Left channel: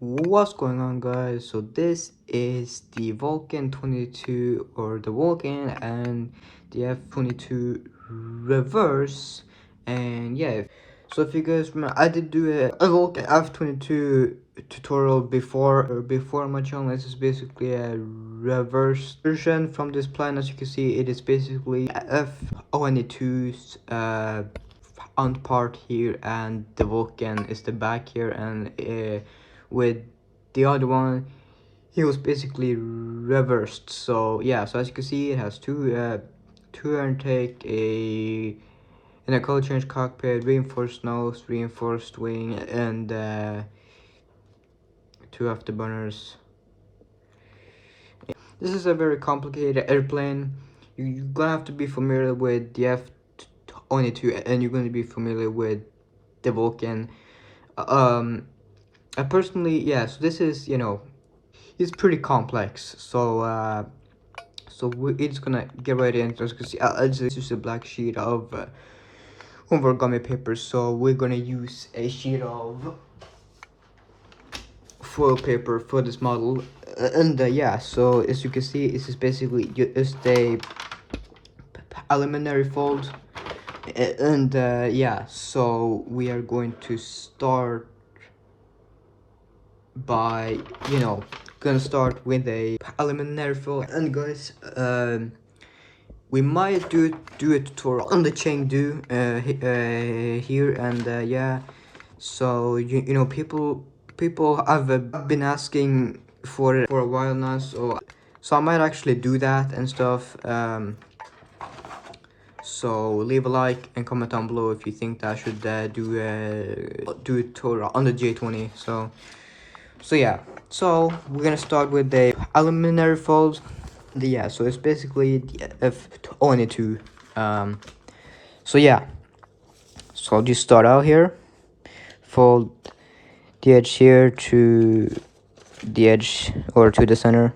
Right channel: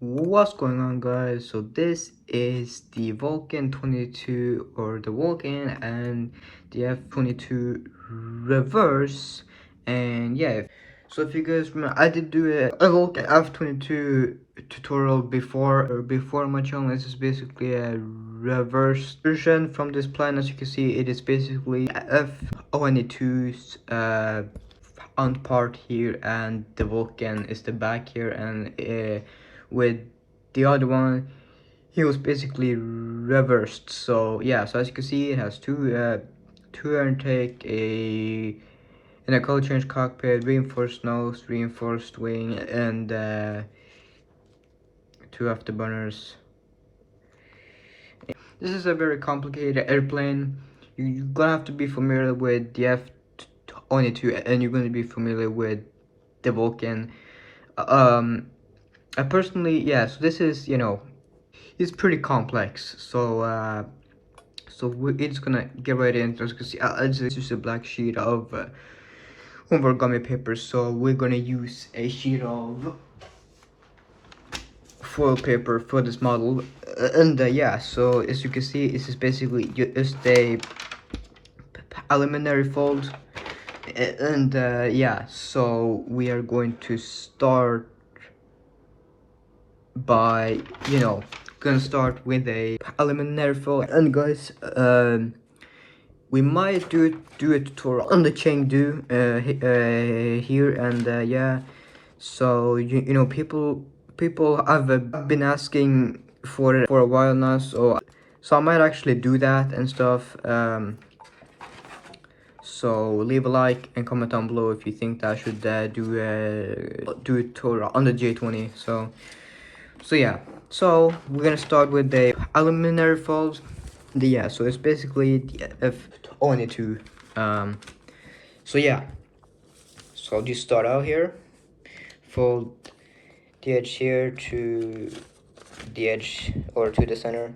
What's going on, guys? So this is the Vulcan 22 or the Vulcan and the F-22 reverse. And yeah, so if you guys remember, I did do a Vulcan F-22 tutorial before my channel. This is basically a reverse version from this plane. As you can see, it is basically F-22's front part here, and the Vulcan is the back here, and with the other one he was basically reversed. So yeah, so as you can see, it has two intake, a color change cockpit, reinforced nose, reinforced wing, and two afterburners. This is a very complicated airplane. You're gonna have to be familiar with the F-22, and you're gonna be familiar with the Vulcan. I personally, yeah, so this is, it's pretty complex. So we're just gonna get right into it. Because it's just a black sheet of origami paper. So we're gonna use a sheet of foil paper for this model, and yeah. So as you can see, this is basically just a preliminary fold, and yeah. So we are going to start by gonna start with a preliminary fold. And guys, we might do a tutorial on the Chengdu here, and yeah. So you know, people have been asking for it for a while now, so I might actually do that and stuff. So leave a like and comment down below if you think that I should do a tutorial on the J20. So yeah, so we're gonna start with the preliminary folds. Yeah, so it's basically the F-22. So yeah, so I'll just start out here, fold the edge here to the edge or to the center.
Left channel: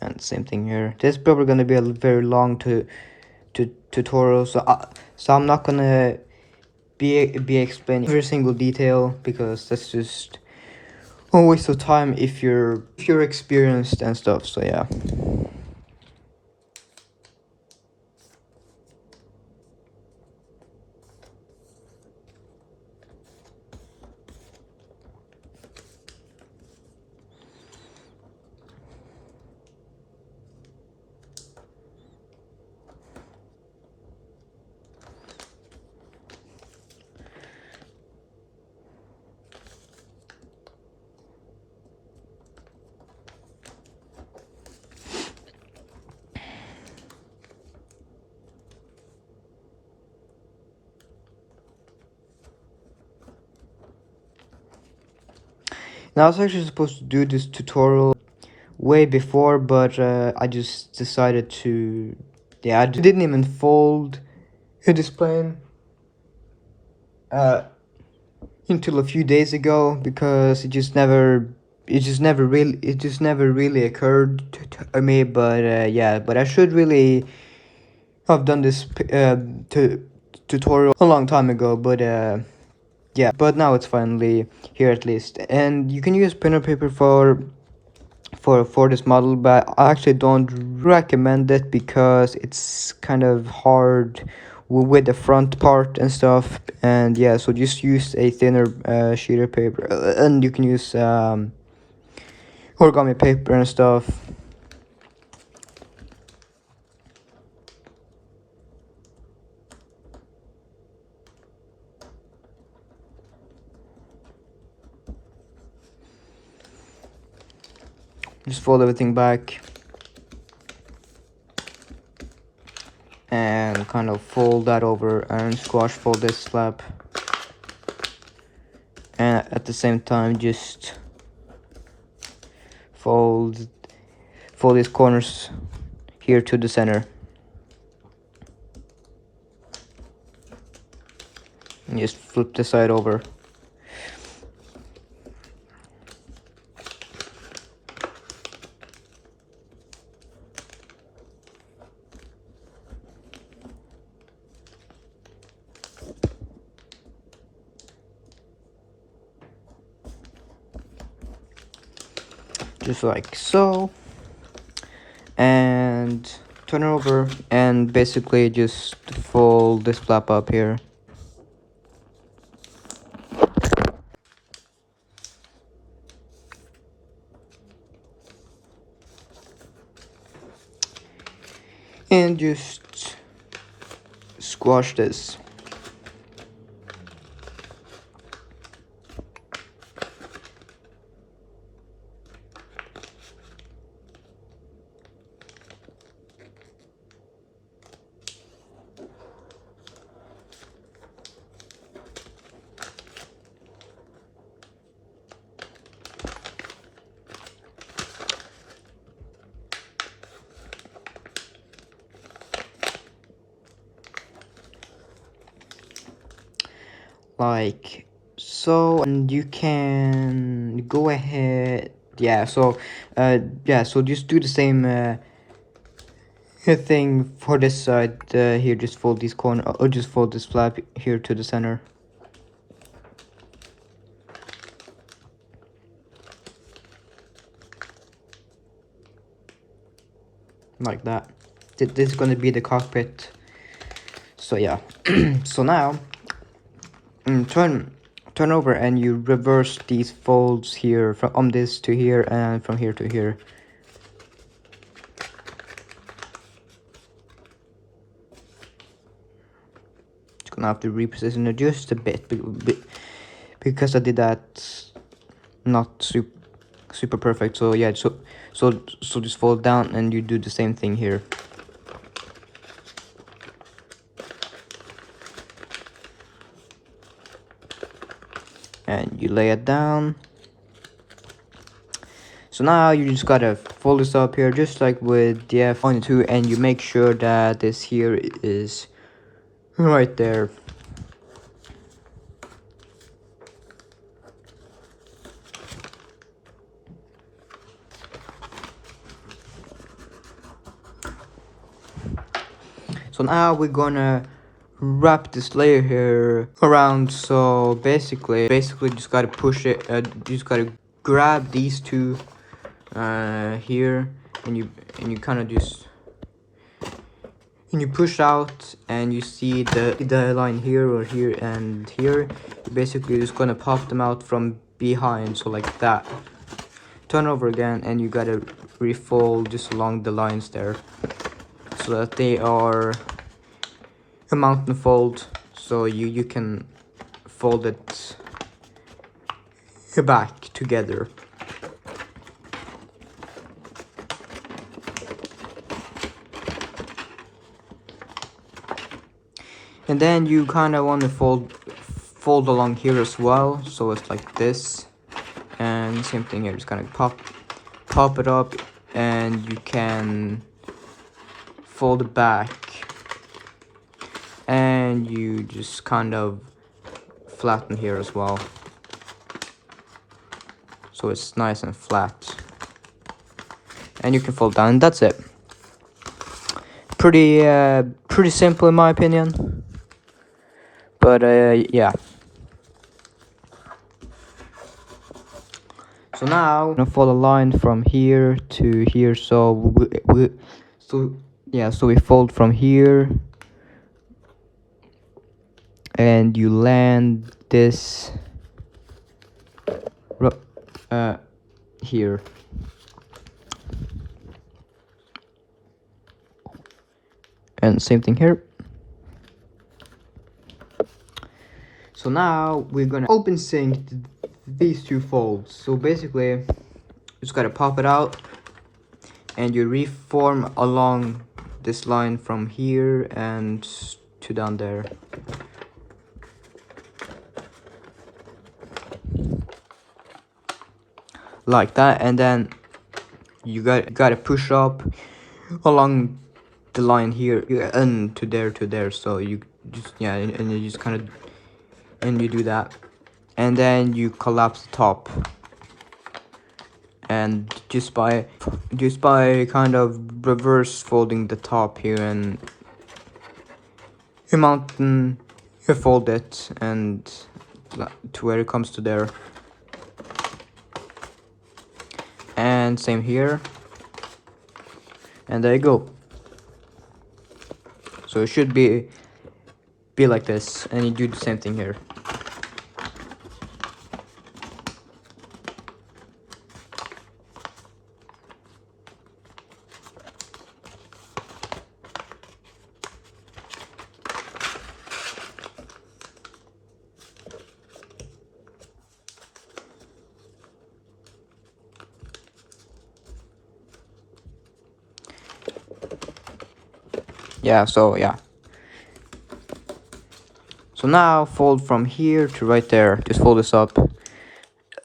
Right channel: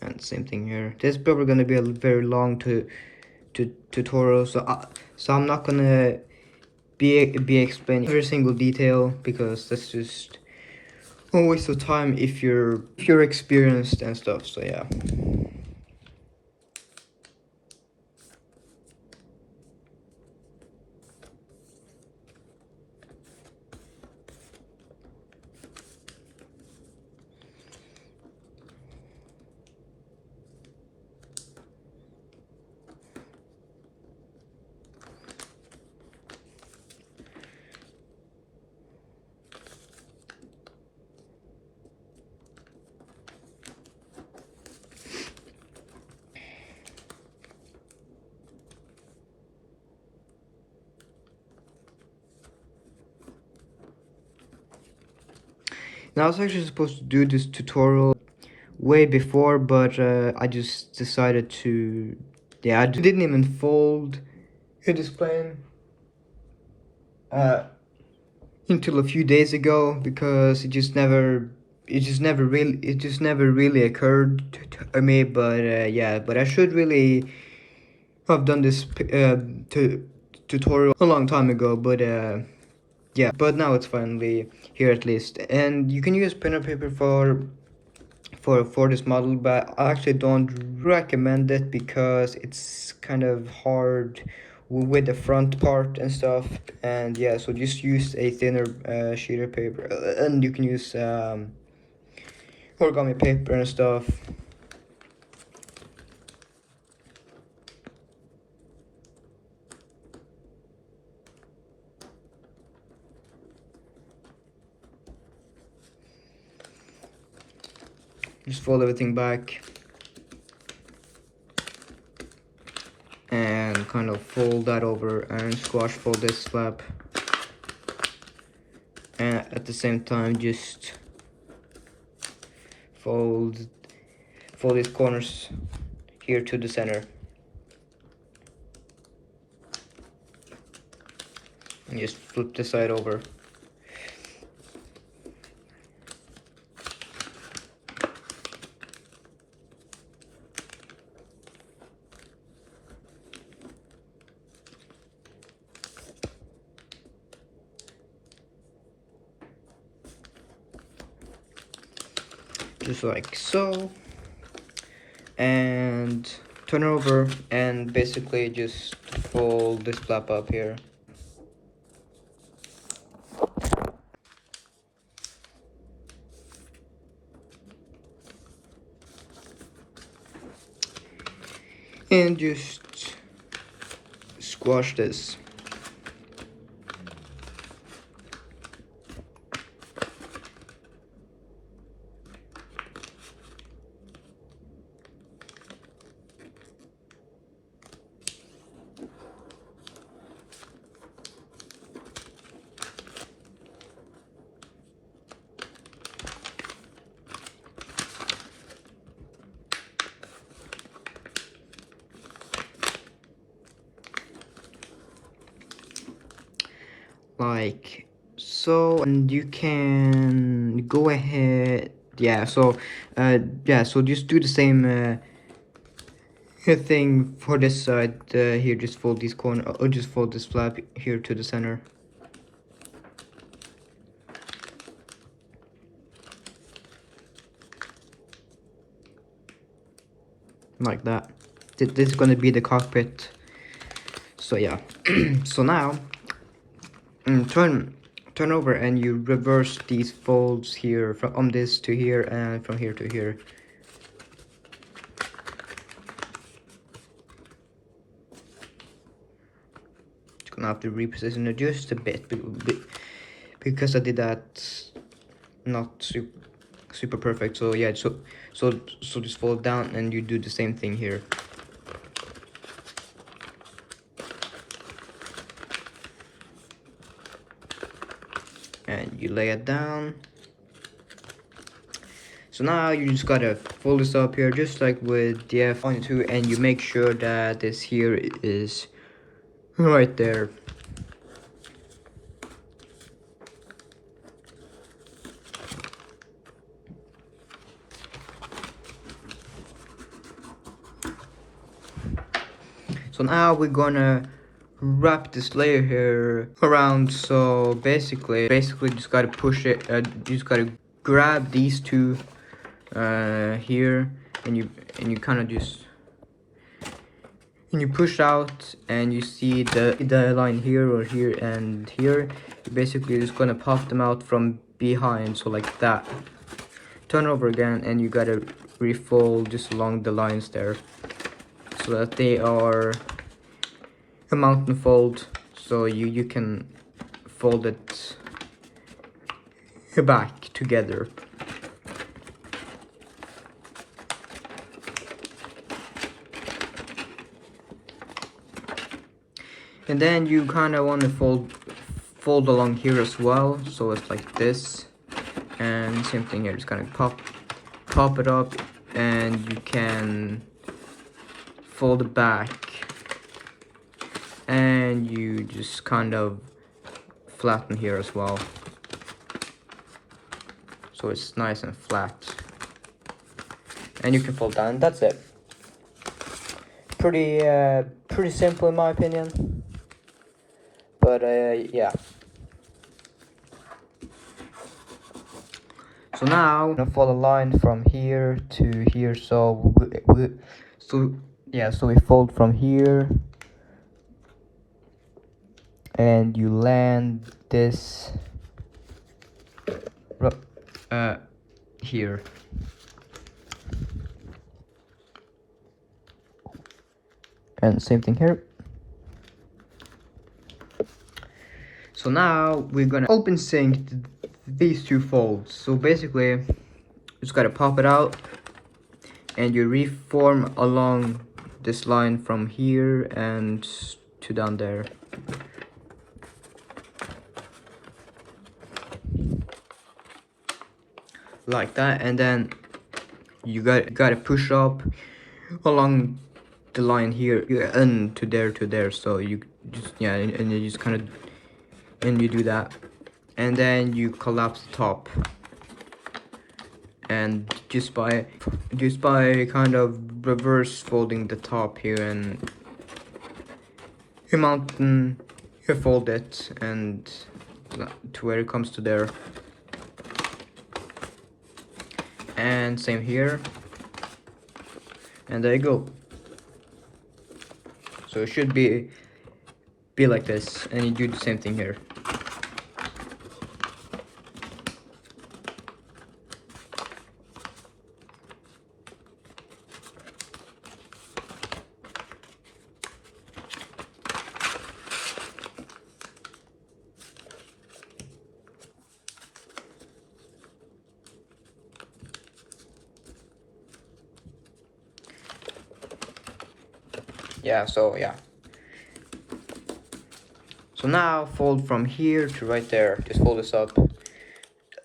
And same thing here. This is probably gonna be a very long tutorial, so I'm not gonna be explaining every single detail, because that's just a waste of time if you're experienced and stuff. So yeah. Now I was actually supposed to do this tutorial way before, but I just decided to, yeah, I didn't even fold this plane until a few days ago, because it just never really occurred to me. But yeah, but I should really have done this tutorial a long time ago. But yeah, but now it's finally here at least. And you can use pen and paper for this model, but I actually don't recommend it, because it's kind of hard with the front part and stuff. And yeah, so just use a thinner sheet of paper, and you can use origami paper and stuff. Just fold everything back and kind of fold that over and squash fold this flap, and at the same time just fold these corners here to the center, and just flip the side over. just like so, and turn it over, and basically just fold this flap up here. And just squash this. Like so, and you can go ahead, so just do the same thing for this side. Here, just fold these corner, or just fold this flap here to the center, like that. This is gonna be the cockpit. So yeah. So now turn over, and you reverse these folds here from this to here, and from here to here. Just gonna have to reposition it just a bit because I did that not super perfect. So yeah, so just fold down, and you do the same thing here. And you lay it down. So now you just gotta fold this up here, just like with the F-22, and you make sure that this here is right there. So now we're gonna wrap this layer here around. So basically just gotta push it, just gotta grab these two here, and you kind of just, and you push out, and you see the line here, or here and here. You're basically just gonna pop them out from behind, so like that. Turn over again, and you gotta refold just along the lines there, so that they are a mountain fold, so you can fold it back together. And then you kind of want to fold along here as well, so it's like this. And same thing here, just kind of pop it up, and you can fold it back, and you just kind of flatten here as well, so it's nice and flat. And you can fold down. That's it. Pretty simple in my opinion. But yeah. So now I'm gonna follow a line from here to here. So we fold from here, and you land this here. And same thing here. So now we're gonna open sync these two folds. So basically, just gotta pop it out, and you reform along this line from here and to down there. Like that, and then you gotta push up along the line here and to there. So you just, and you just kind of, and you do that, and then you collapse the top, and just by kind of reverse folding the top here, and you mountain, you fold it, and to where it comes to there. and same here, and there you go. So it should be like this, and you do the same thing here. Yeah, so yeah. So now fold from here to right there. Just fold this up,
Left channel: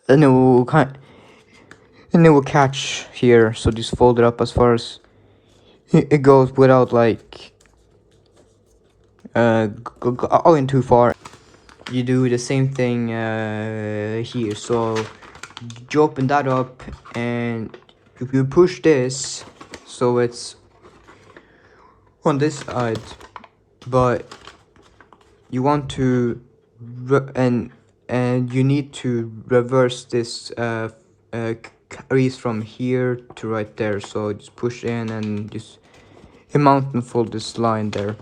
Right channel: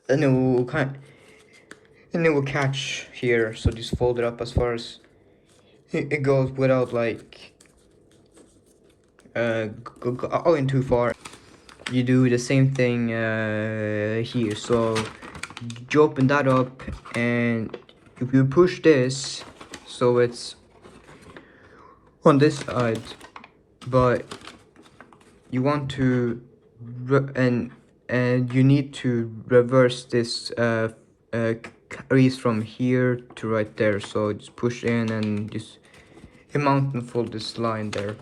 and it will catch here. So just fold it up as far as it goes without like going too far. You do the same thing here. So you open that up, and if you push this, so it's on this side, but you want to and you need to reverse this crease from here to right there. So just push in and just mount and fold this line there,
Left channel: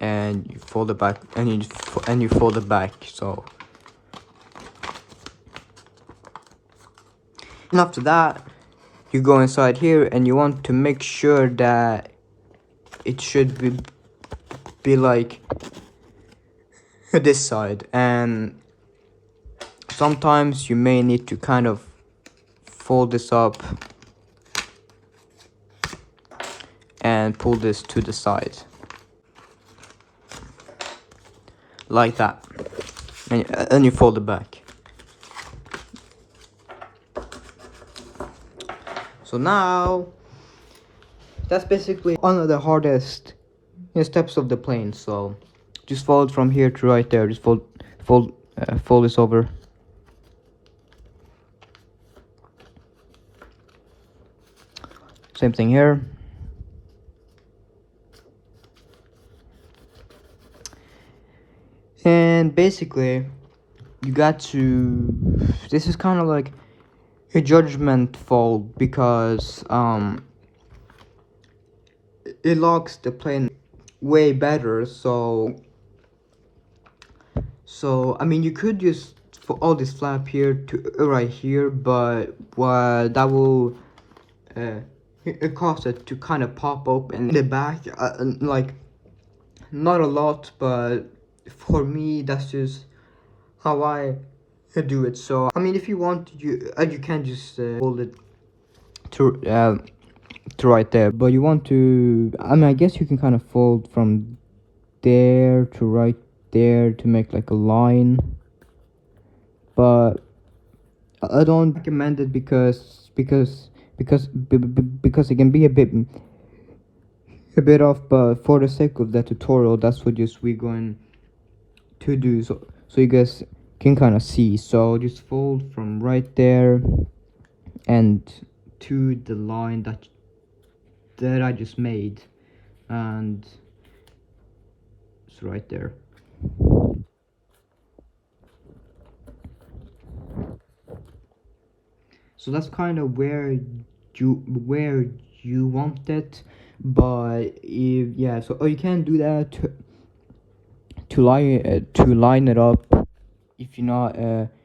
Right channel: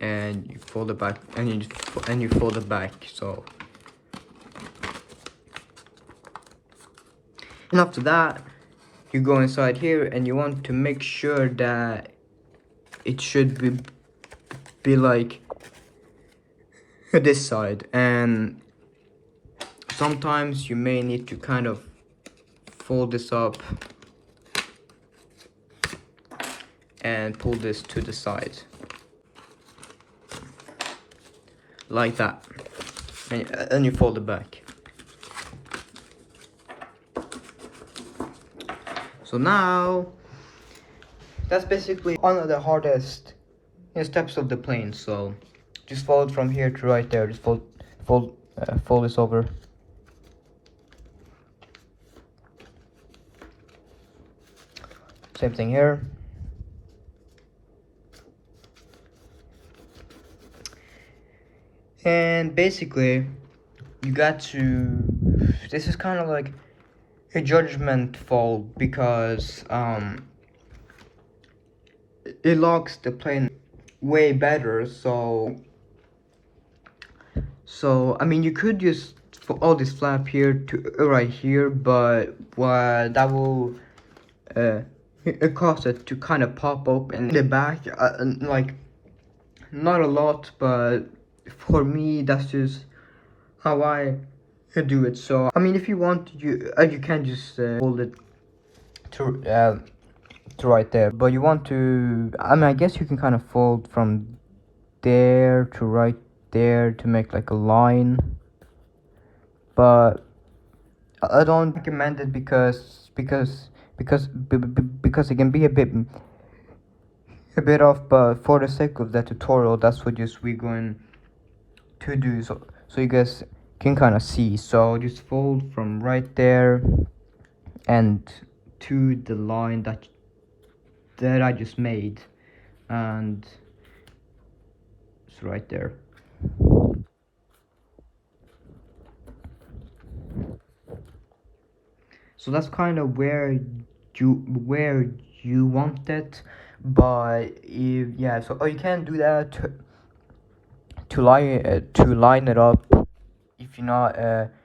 and you fold it back, and you fold it back. So and after that, you go inside here, and you want to make sure that it should be like this side, and sometimes you may need to kind of fold this up and pull this to the side like that, and you fold it back. So now that's basically one of the hardest steps of the plane. So just fold from here to right there. Just fold this over. Same thing here. And basically, you got to. This is kind of like a judgment fold, because it locks the plane way better. So I mean, you could just all this flap here to right here, but what that will it cause it to kind of pop open in the back, like not a lot, but for me that's just how I do it. So I mean, if you want, you can just hold it to right there, but you want to, I mean, I guess you can kind of fold from there to right there to make like a line, but I don't recommend it because it can be a bit off. But for the sake of the tutorial, that's what we're going to do, so you guys can kind of see. So just fold from right there and to the line that I just made, and it's right there. So that's kind of where you want it. But yeah, so you can do that to line it up if you're not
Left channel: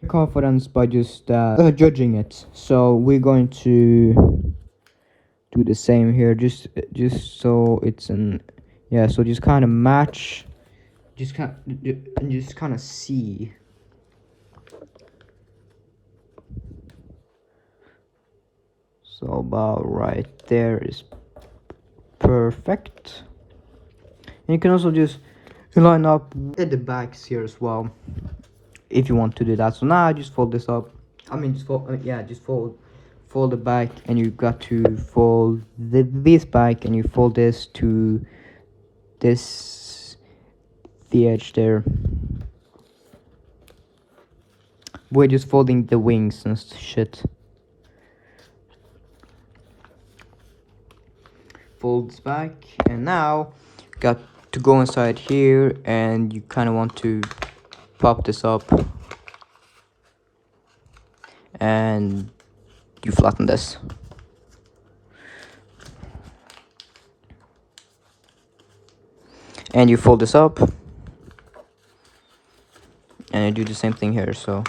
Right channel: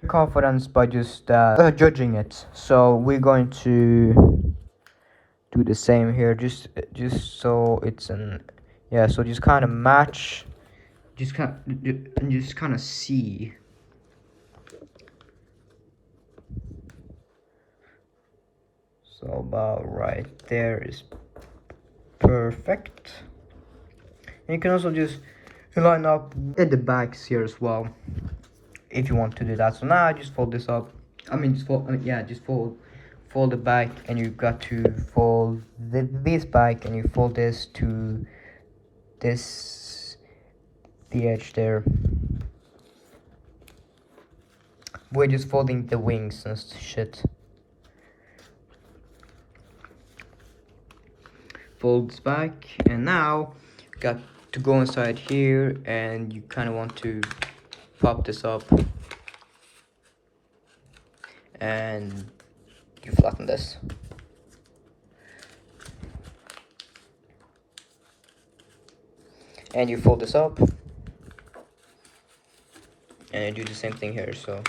confident by just judging it. So we're going to do the same here, just so it's an, yeah, so just kind of match, just kind of see. So about right there is perfect. And you can also just line up at the backs here as well if you want to do that. So now I just fold this up. I mean, just fold. Just fold it back, and you got to fold this back, and you fold this to the edge there. We're just folding the wings and shit. Folds back, and now got to go inside here, and you kind of want to pop this up and you flatten this. And you fold this up, and you do the same thing here, so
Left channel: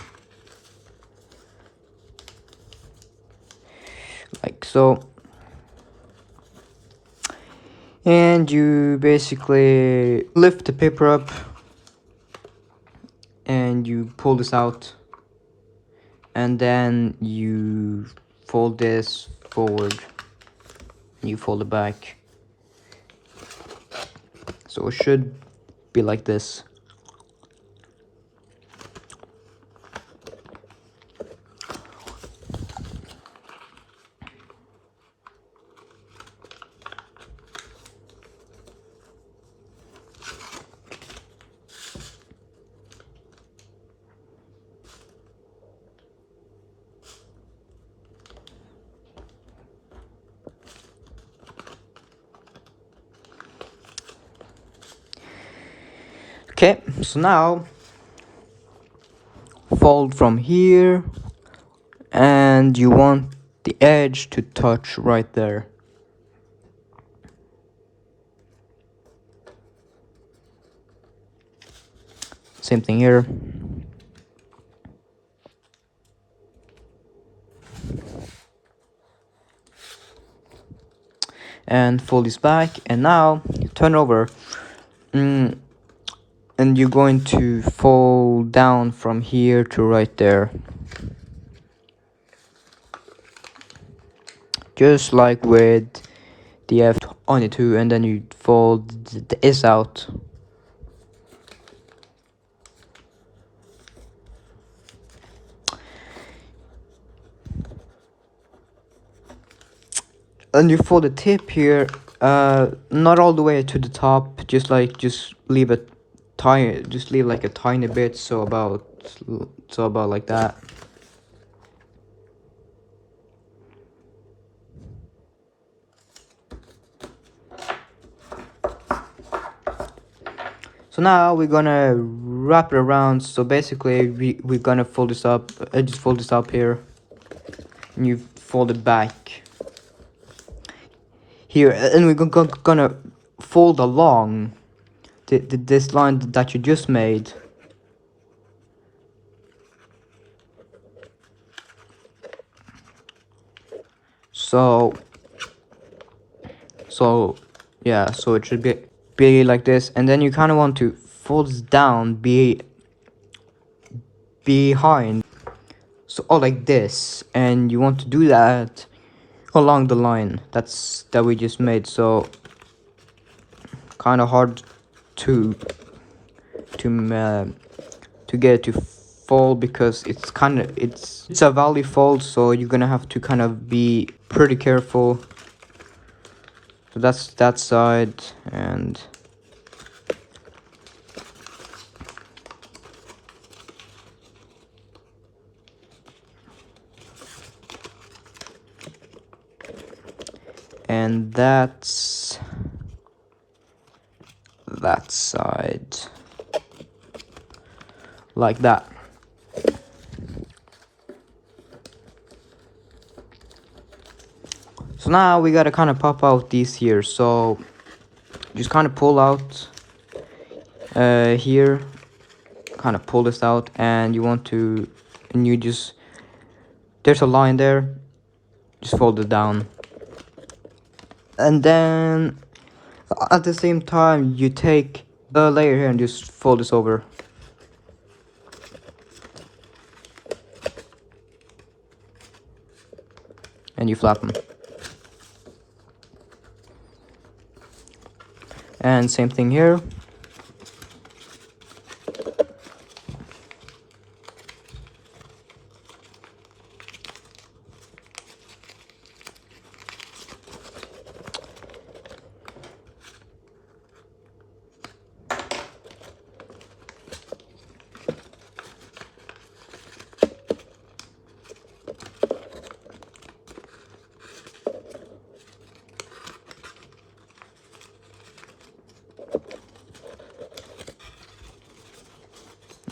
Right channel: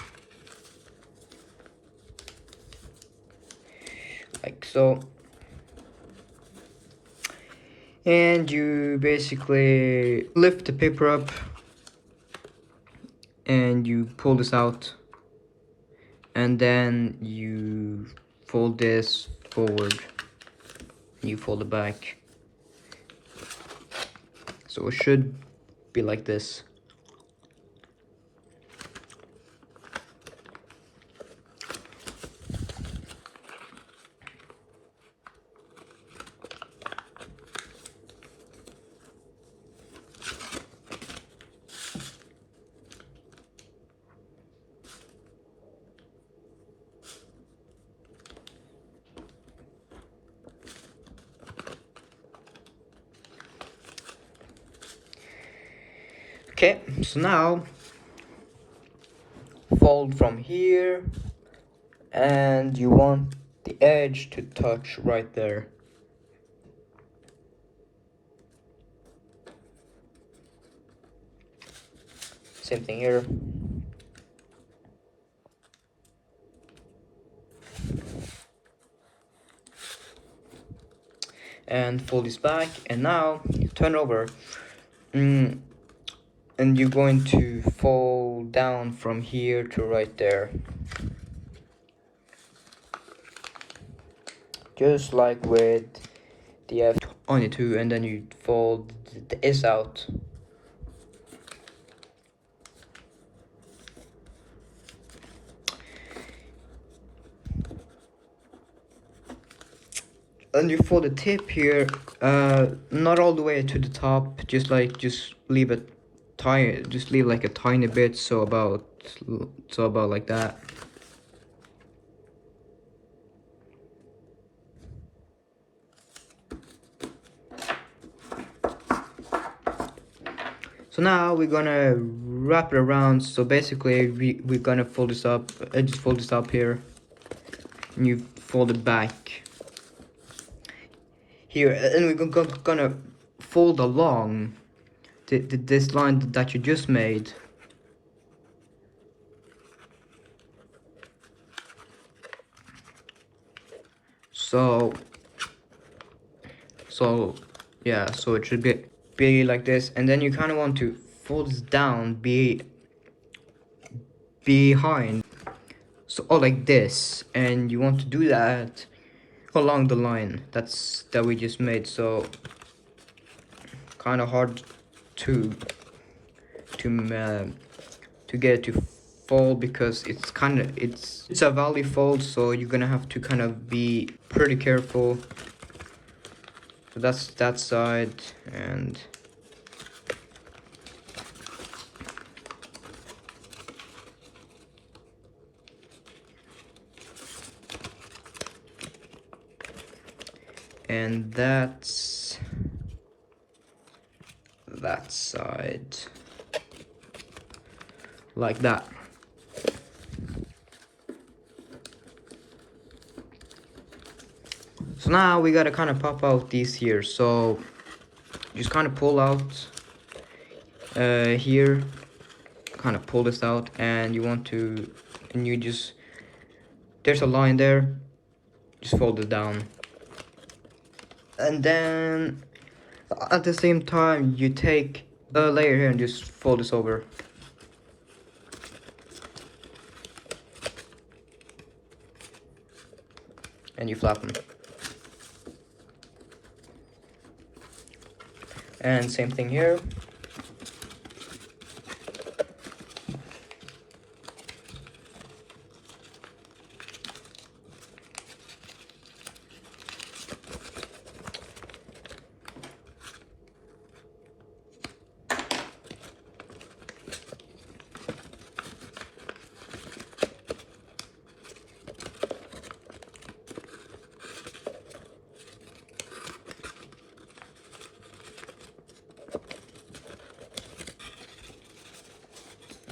like so. And you basically lift the paper up and you pull this out, and then you fold this forward and you fold it back, so it should be like this. Okay, so now fold from here, and you want the edge to touch right there. Same thing here. And fold this back, and now turn over. And you're going to fold down from here to right there, just like with the F-22, and then you fold the S out. And you fold the tip here, not all the way to the top, just leave it tiny, just leave like a tiny bit, so about like that. So now we're gonna wrap it around. So basically we're gonna fold this up, just fold this up here, and you fold it back here, and we're gonna fold along this line that you just made. So yeah, so it should be like this, and then you kind of want to fold this down behind, so like this, and you want to do that along the line that we just made. So kind of hard to get it to fold, because it's a valley fold, so you're gonna have to kind of be pretty careful. So that's that side, and that's that side, like that. So now we gotta kind of pop out these here, so just kind of pull out here, kind of pull this out, and you want to, and you just, there's a line there, just fold it down, and then at the same time you take the layer here and just fold this over. And you flap them. And same thing here.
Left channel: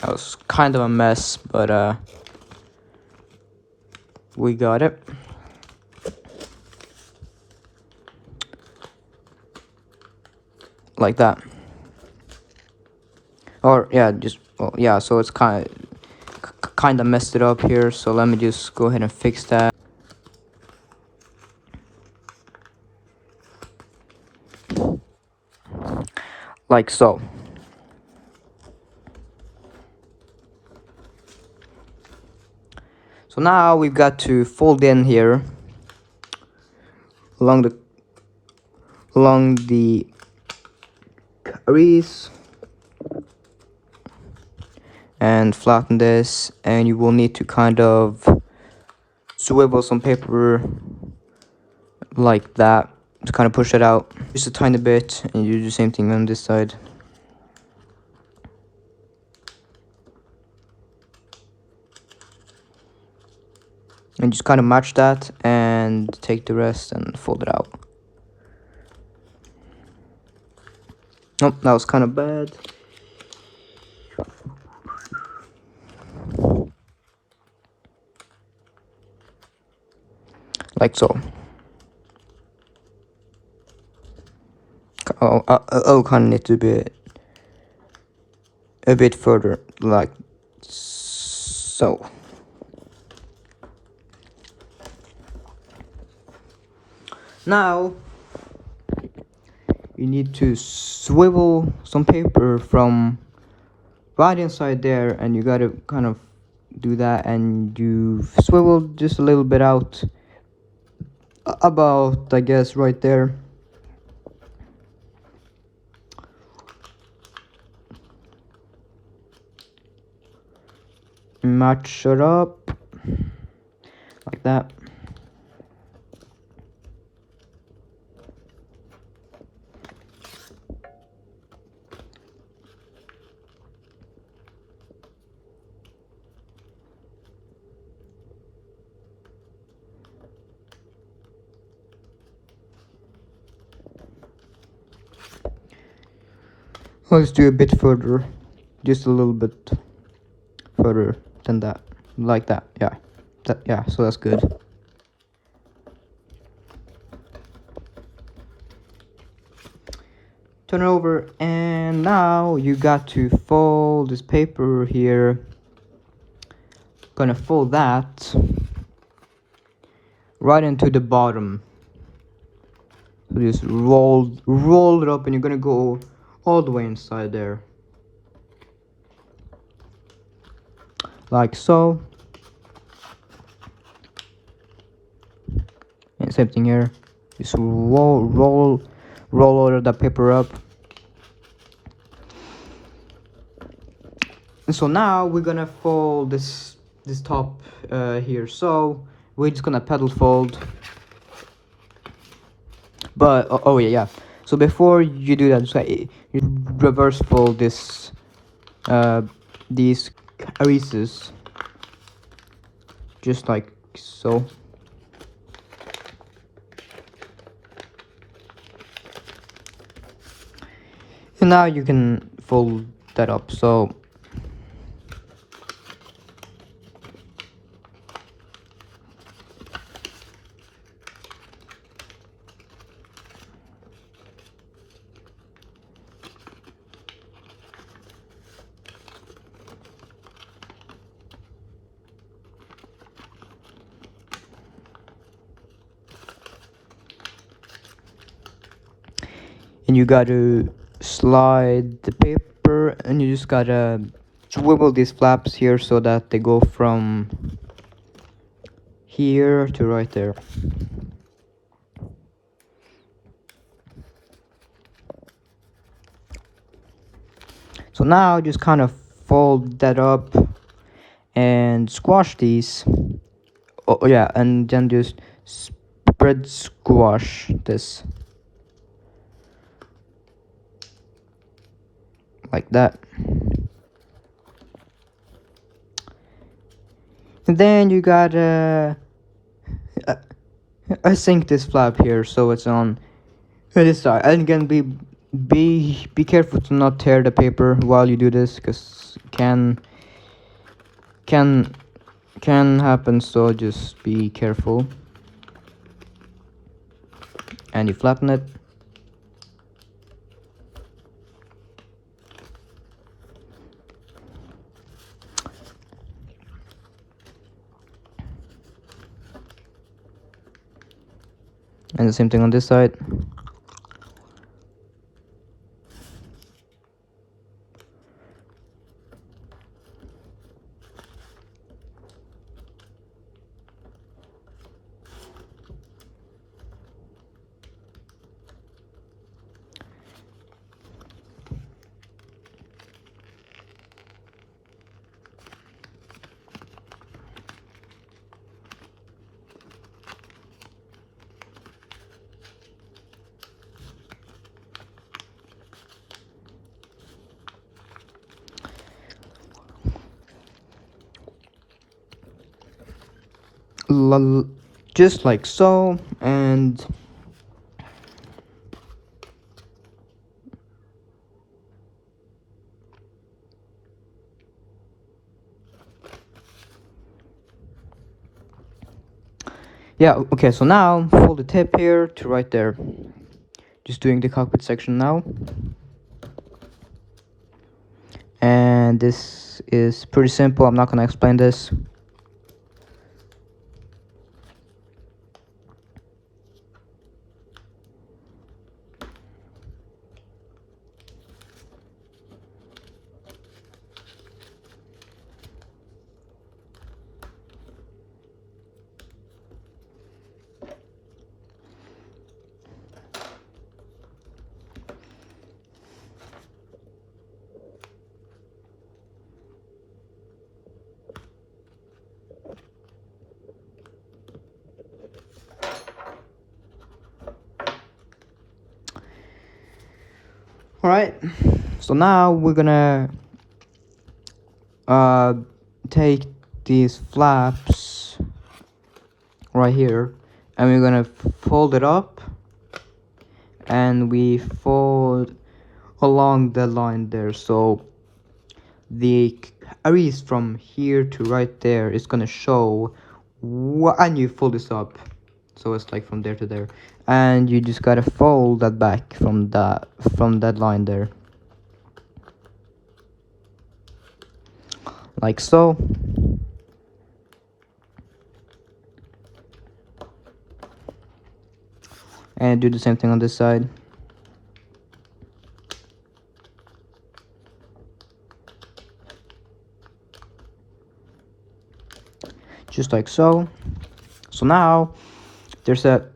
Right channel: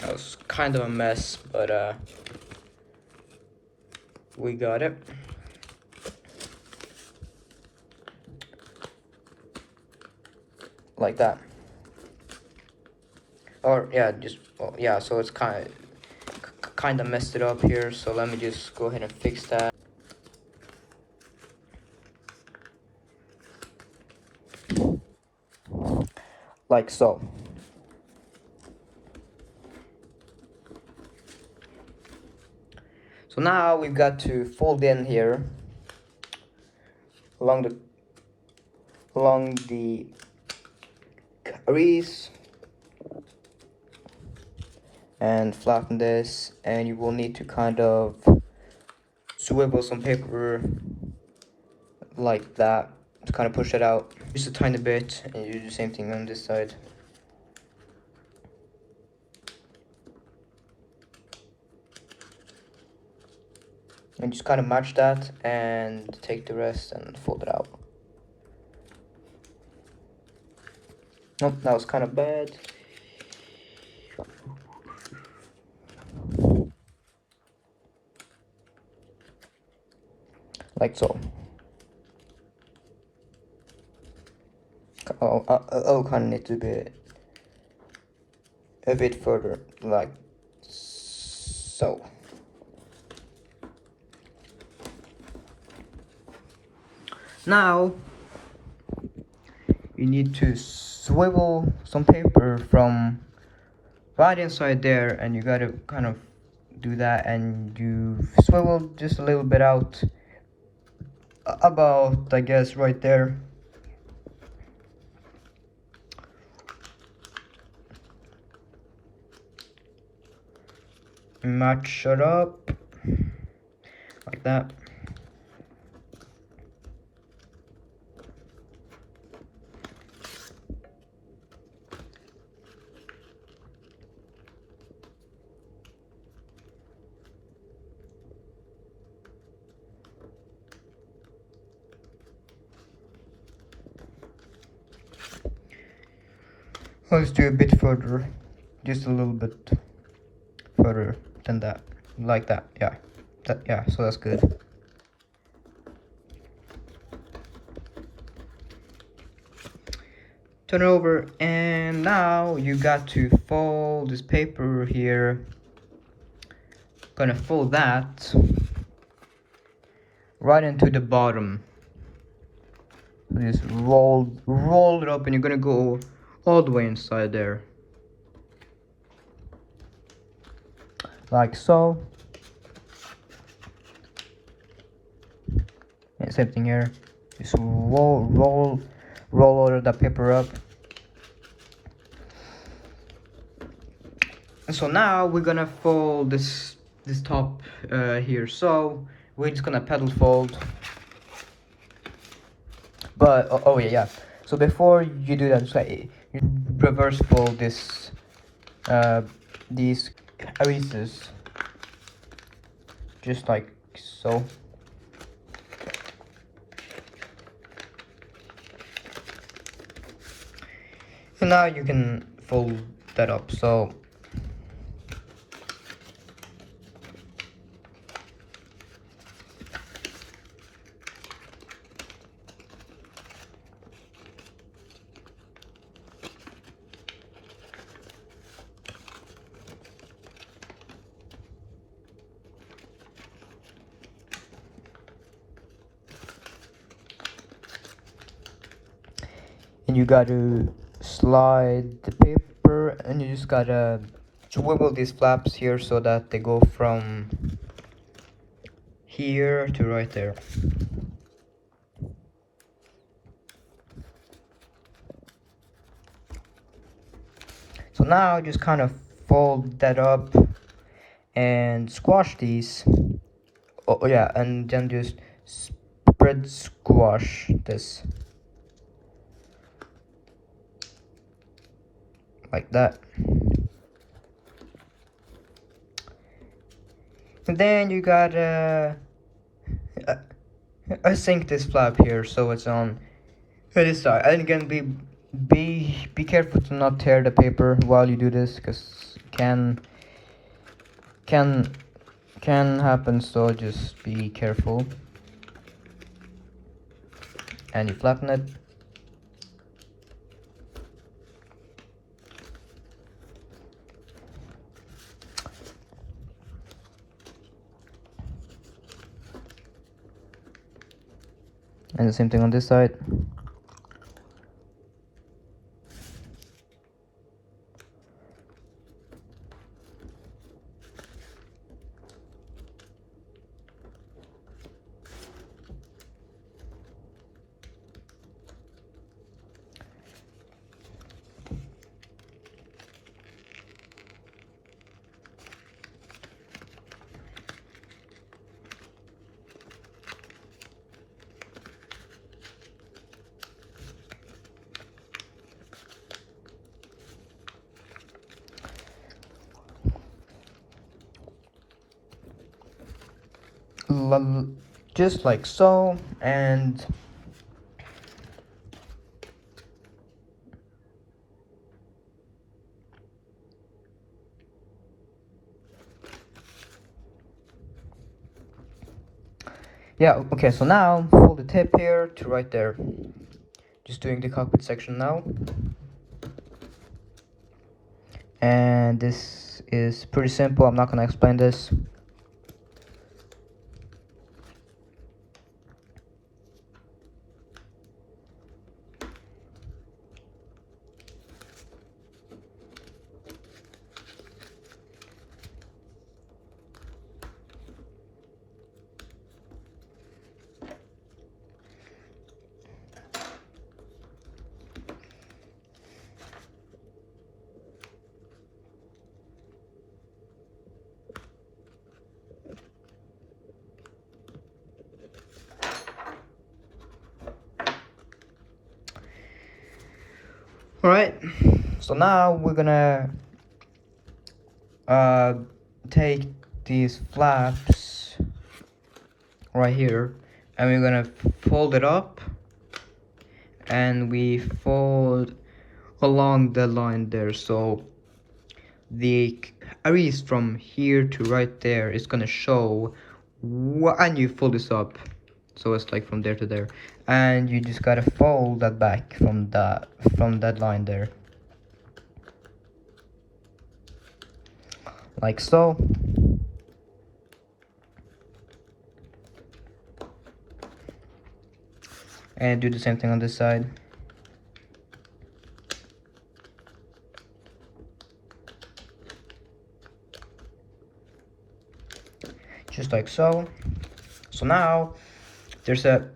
That was kind of a mess, but we got it. Like that. Or yeah, just well, yeah, so it's kind of messed it up here, so let me just go ahead and fix that. Like so. So now we've got to fold in here along the crease and flatten this, and you will need to kind of swivel some paper like that to kind of push it out just a tiny bit, and you do the same thing on this side. And just kind of match that and take the rest and fold it out. Oh, that was kind of bad. Like so. Oh, I'll kind of need to be a bit further, like so. Now you need to swivel some paper from right inside there, and you gotta kind of do that, and you swivel just a little bit out, about I guess right there. Match it up like that. Let's do a bit further, just a little bit further than that, like that. Yeah, so that's good. Turn it over, and now you got to fold this paper here. Gonna fold that right into the bottom. So just roll it up, and you're gonna go all the way inside there, like so. And same thing here. Just roll all the paper up. So now we're gonna fold this top here. So we're just gonna pedal fold. But oh yeah. So before you do that, just like reverse fold this these creases, just like so. And now you can fold that up. So and you gotta slide the paper, and you just gotta swivel these flaps here so that they go from here to right there. So now just kind of fold that up and squash these. Oh yeah, and then just spread squash this like that. And then you gotta I sink this flap here so it's on this side. And again, be careful to not tear the paper while you do this, because can can happen, so just be careful. And you flatten it. And the same thing on this side. Just like so, and yeah, okay, so now fold the tip here to right there. Just doing the cockpit section now. And this is pretty simple, I'm not gonna explain this. Alright, so now we're gonna take these flaps right here and we're gonna fold it up, and we fold along the line there, so the areas from here to right there is gonna show and you fold this up so it's like from there to there, and you just gotta fold that back from that line there, like so. And do the same thing on this side. Just like so. So now there's a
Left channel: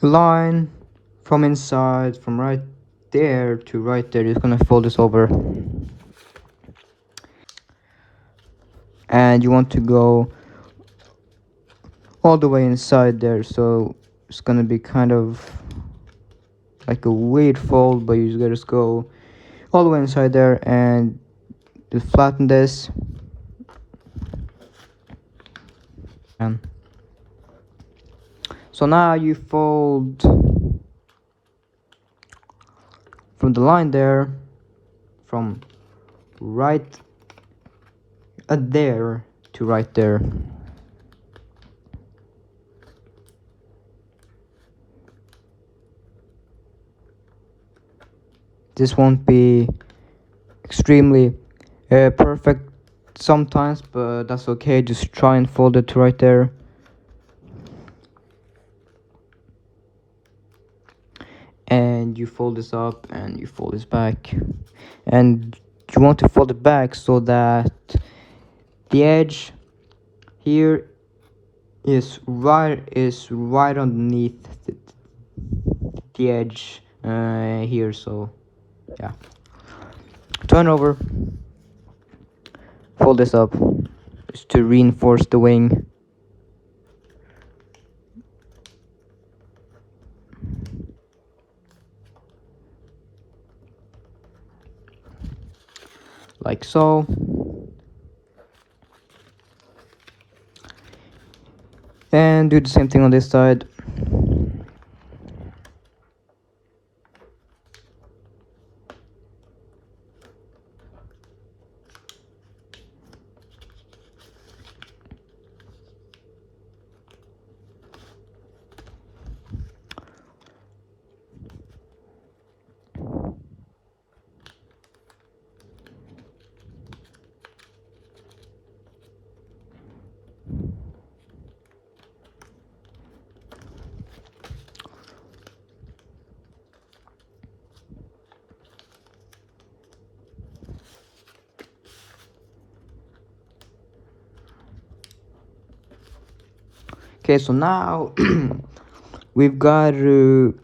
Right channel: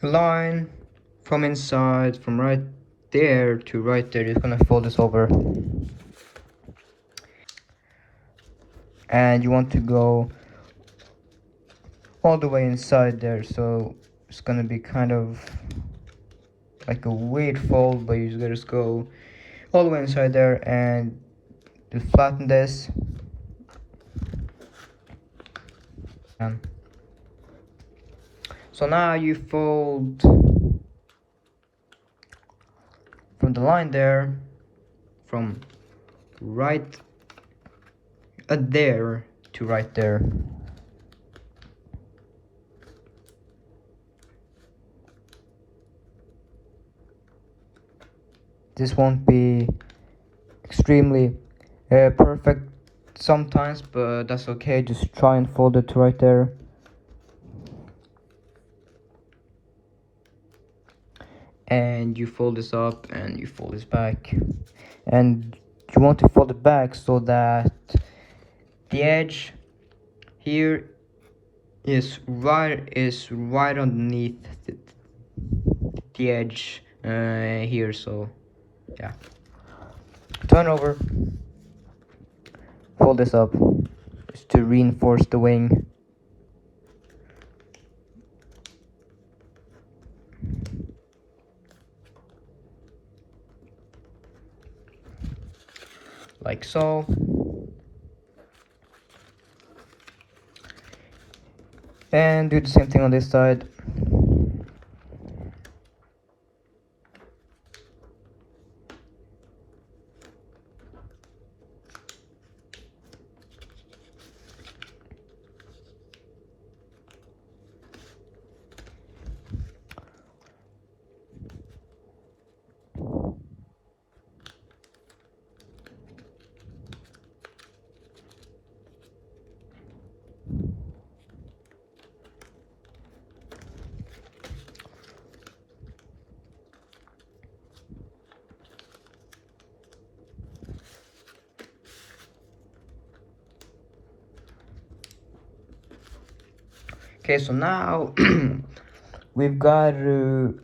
line from inside, from right there to right there. You're gonna fold this over, and you want to go all the way inside there, so it's gonna be kind of like a weird fold, but you just gotta go all the way inside there and just flatten this. And so now you fold from the line there, from right there to right there. This won't be extremely perfect sometimes, but that's okay. Just try and fold it to right there. And you fold this up and you fold this back, and you want to fold it back so that the edge here is right underneath the edge here. So yeah, turn over, fold this up just to reinforce the wing. Like so. And do the same thing on this side. Okay, so now we've got to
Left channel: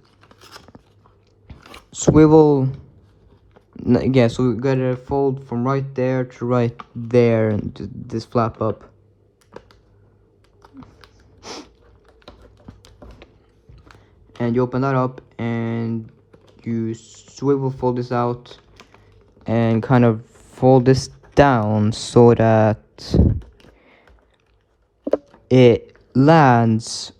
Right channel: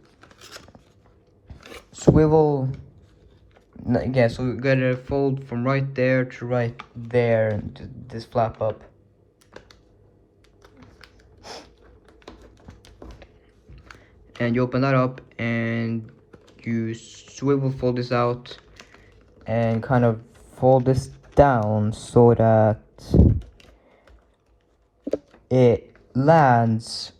swivel. Yeah, so we gotta fold from right there to right there, this flap up. And you open that up and you swivel fold this out and kind of fold this down so that it lands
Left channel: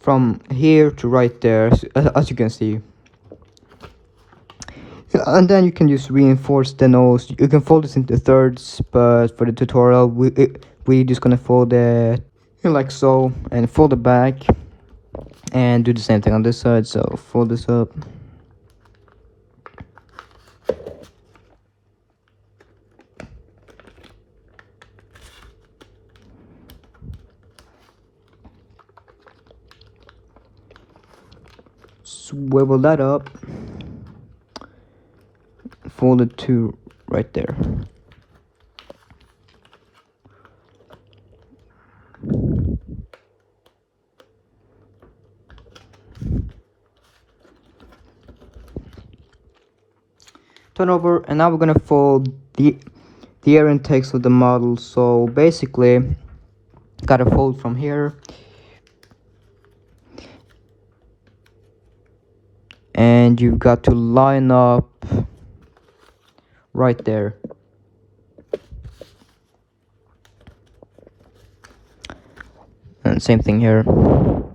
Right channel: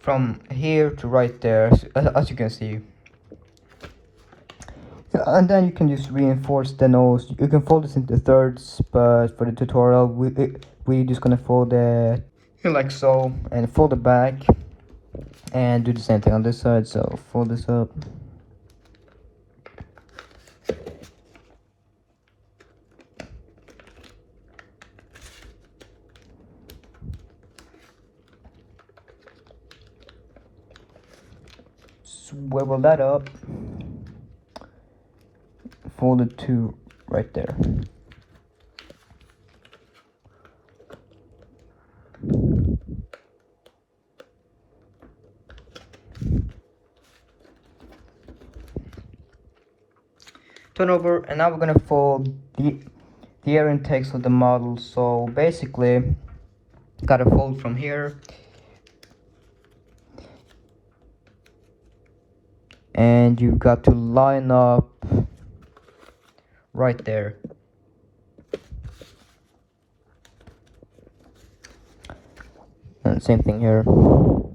from here to right there, as you can see. And then you can just reinforce the nose. You can fold this into thirds, but for the tutorial we just gonna fold it like so and fold it back and do the same thing on this side. So fold this up, swivel that up, fold it to right there. Turn over, and now we're gonna fold the air intakes of the model. So basically, gotta fold from here, and you've got to line up right there. And same thing here. And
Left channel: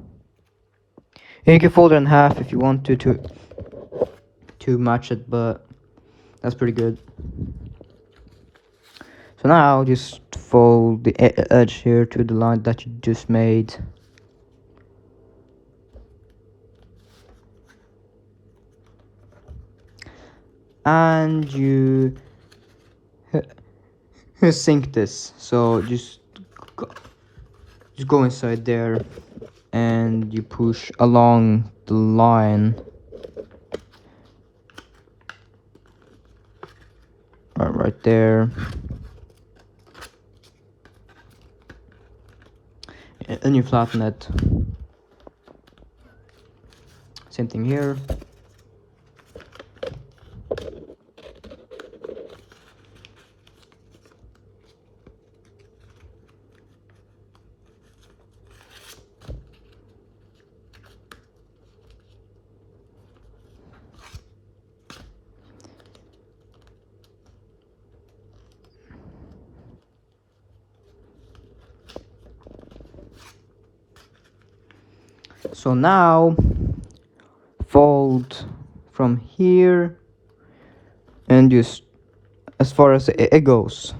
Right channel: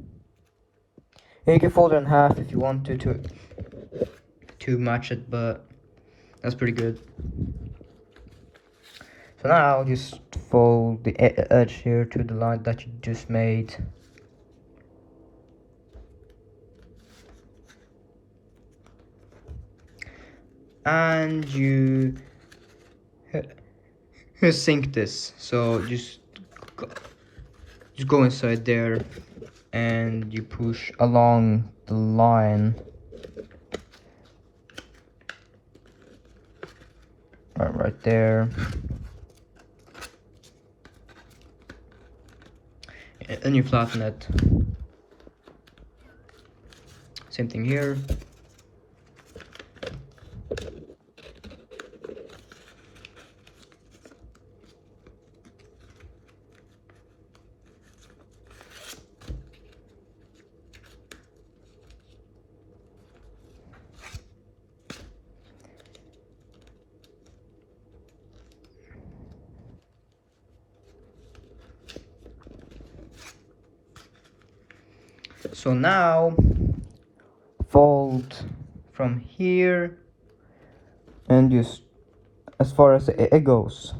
you can fold it in half if you want to match it, but that's pretty good. So now just fold the edge here to the line that you just made. And you sink this. So just go inside there and you push along the line. Right there. And you flatten it. Same thing here. So now fold from here and just as far as it goes.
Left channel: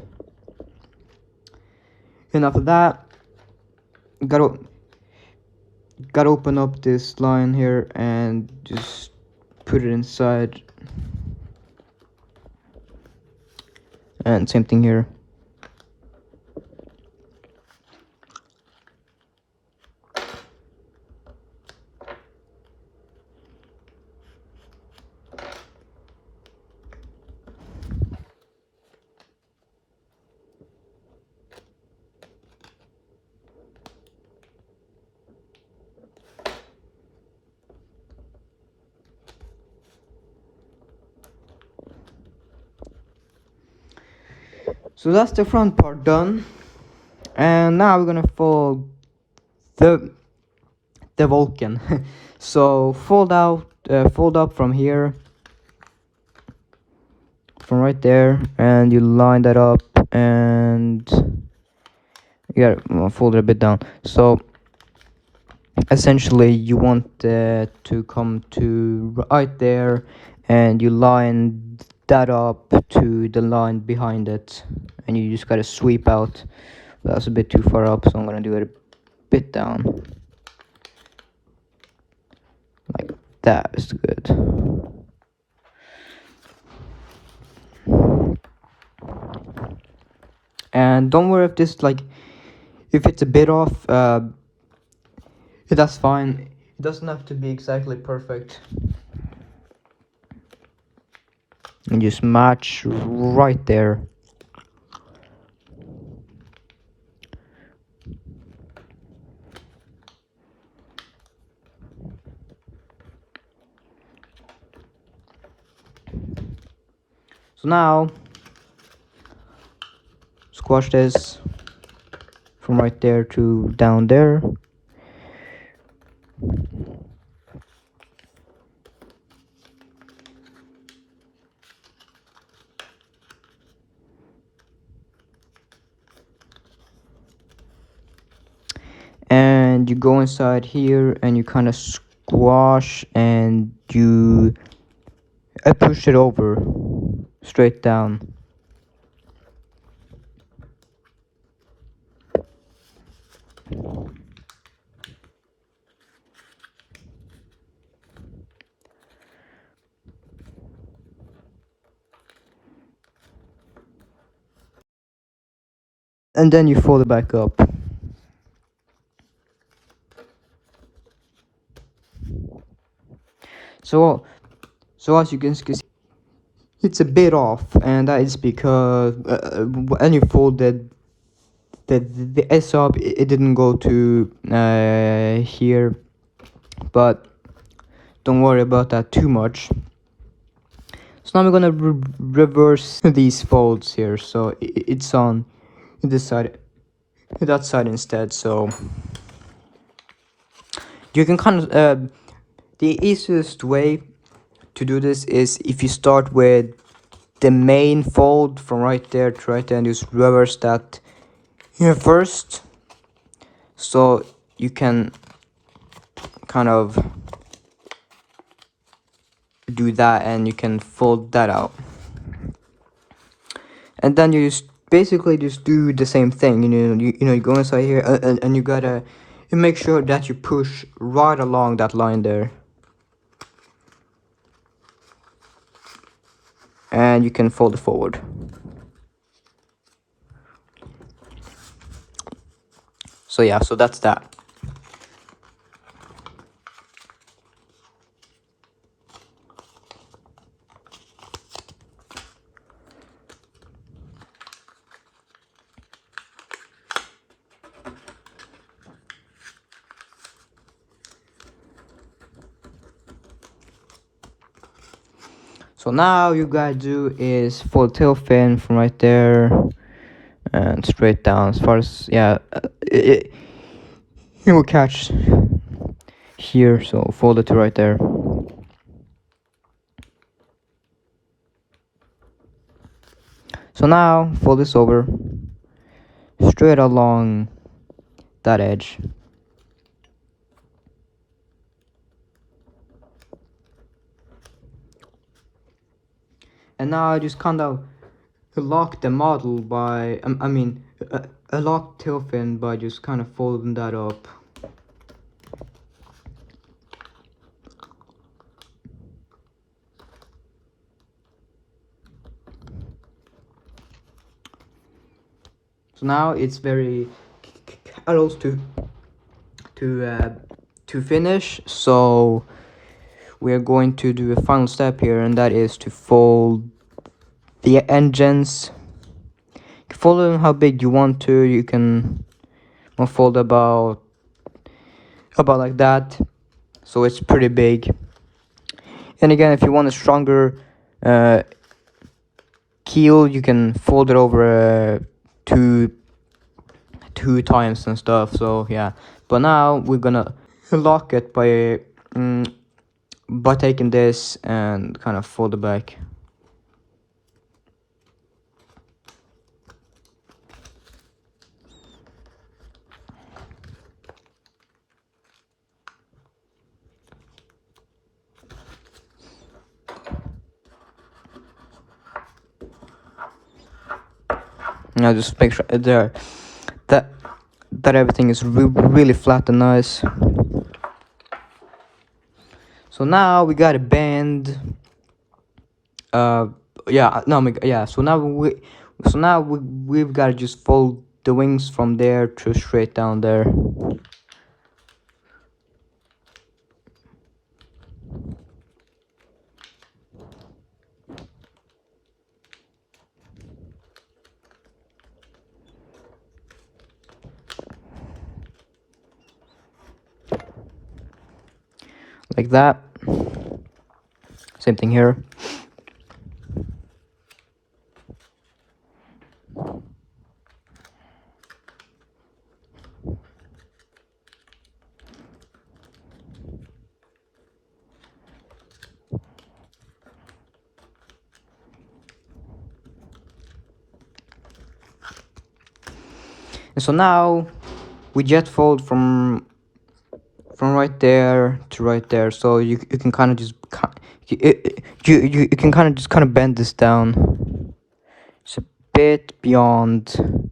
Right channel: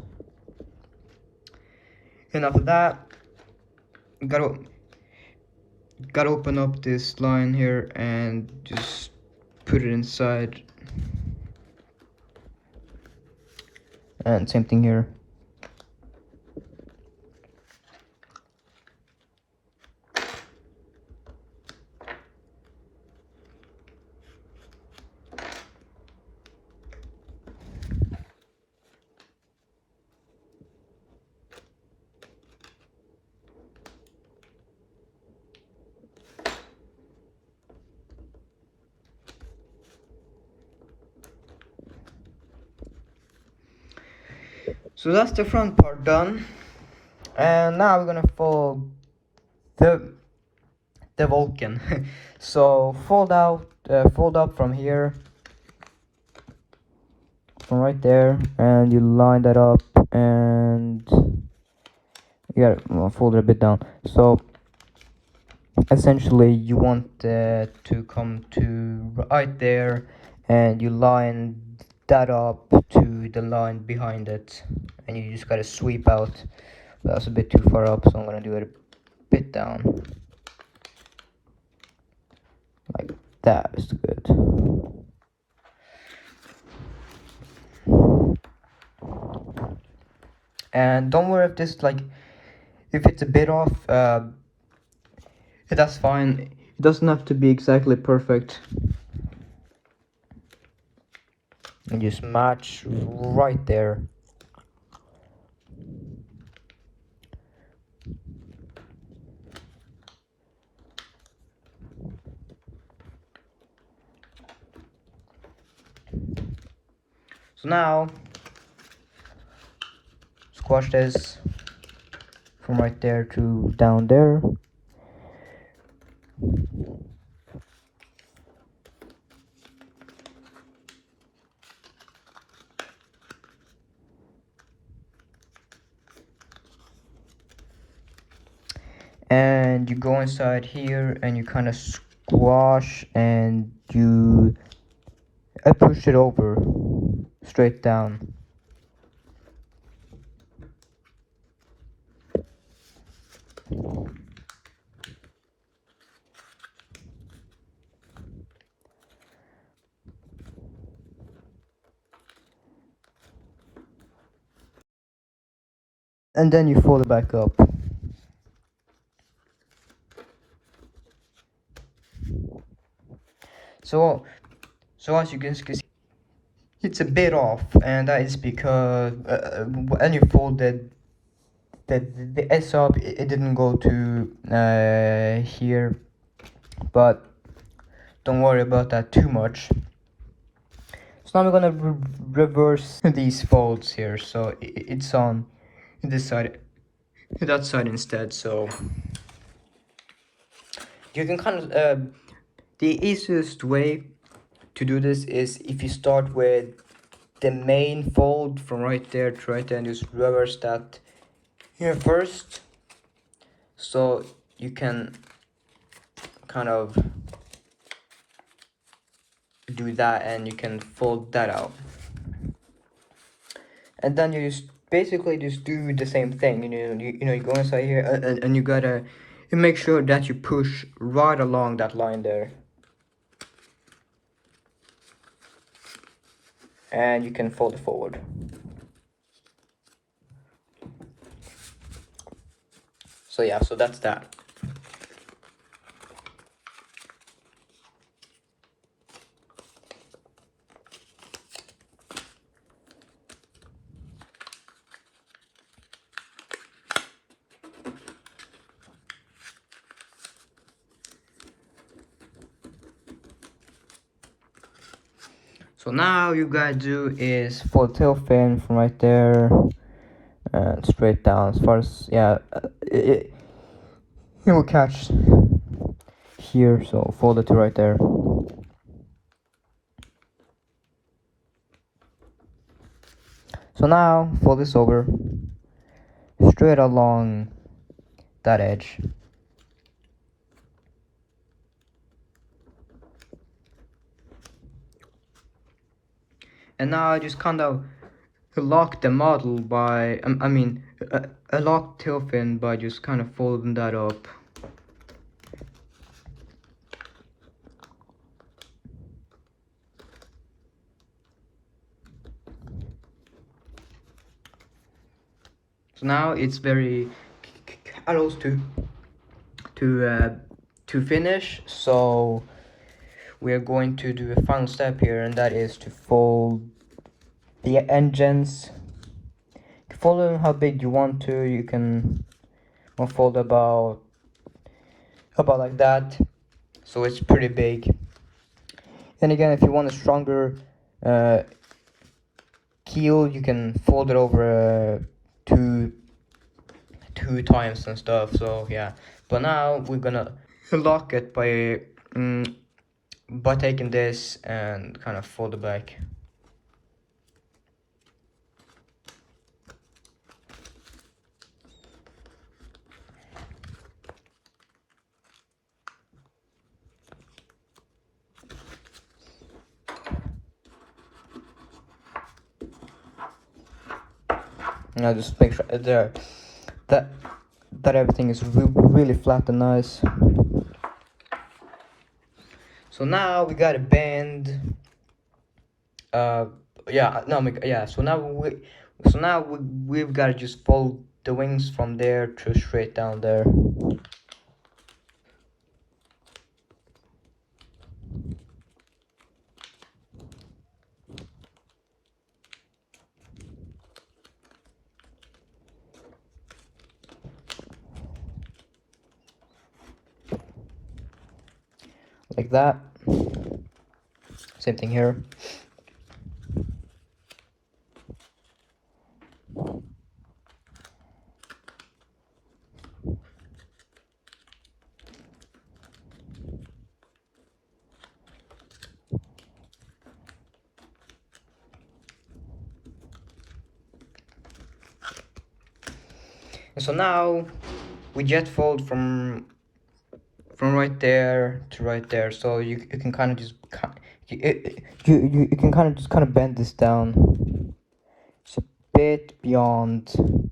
And after that, gotta open up this line here and just put it inside. And same thing here. So that's the front part done, and now we're gonna fold the Vulcan. So fold up from here, from right there, and you line that up, and you gotta fold it a bit down. So essentially you want it to come to right there, and you line that up to the line behind it, and you just gotta sweep out. That's a bit too far up, so I'm gonna do it a bit down. Like that is good. And don't worry if this if it's a bit off, that's fine. It doesn't have to be exactly perfect. And just match right there. So now squash this from right there to down there. And you go inside here and you kind of squash and you push it over straight down. And then you fold it back up. So as you can see, it's a bit off, and that is because when you fold the S up, it didn't go to here, but don't worry about that too much. So now we're gonna reverse these folds here, so it's on this side, that side instead. So you can kind of the easiest way to do this is if you start with the main fold from right there to right there and just reverse that here first, so you can kind of do that and you can fold that out, and then you just basically just do the same thing. You go inside here and you gotta make sure that you push right along that line there, and you can fold it forward. So yeah, so that's that. So now you gotta do is fold tail fin from right there and straight down as far as, yeah, it will catch here, so fold it to right there. So now fold this over straight along that edge. And now I just kind of lock the model by, lock tail fin by just kind of folding that up. So now it's very close to finish. So we are going to do a final step here, and that is to fold the engines. You can fold them how big you want to. You can fold about like that, so it's pretty big. And again, if you want a stronger keel, you can fold it over two times and stuff. So yeah, but now we're gonna lock it by taking this and kind of fold it back. Now just make sure that everything is really flat and nice. So now we gotta bend. So now we've gotta just fold the wings from there to straight down there. Like that. Same thing here. So now we jet fold from right there to right there, so you can kind of just you can kind of bend this down. It's a bit beyond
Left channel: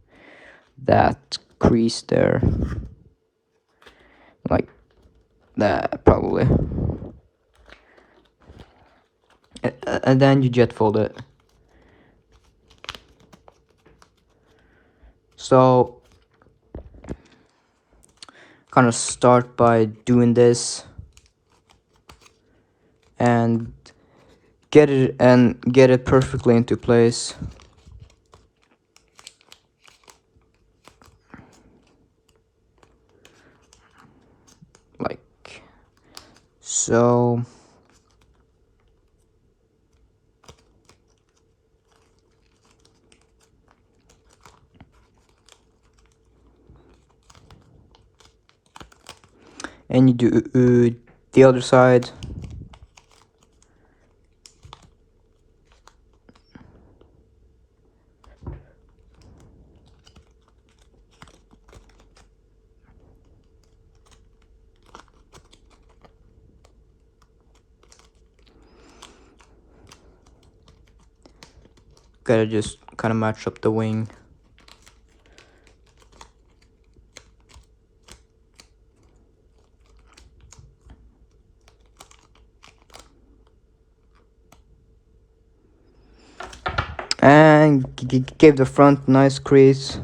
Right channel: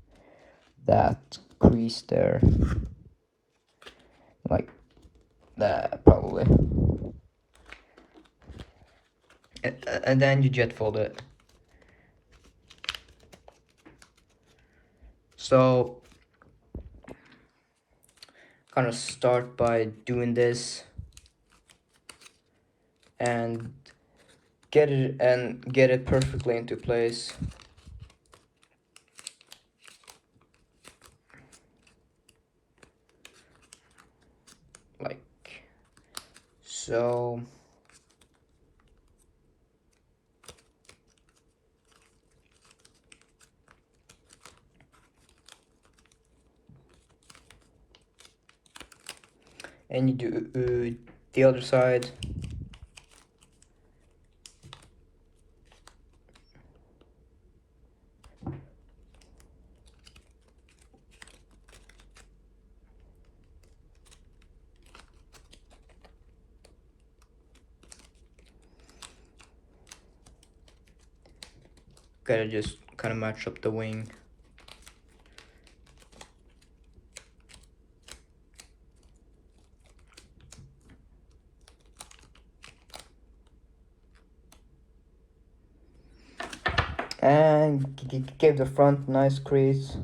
that crease there, like that probably, and then you jet fold it. So kind of start by doing this and get it perfectly into place. Like so. And you do the other side. Gotta just kind of match up the wing. And give the front nice crease.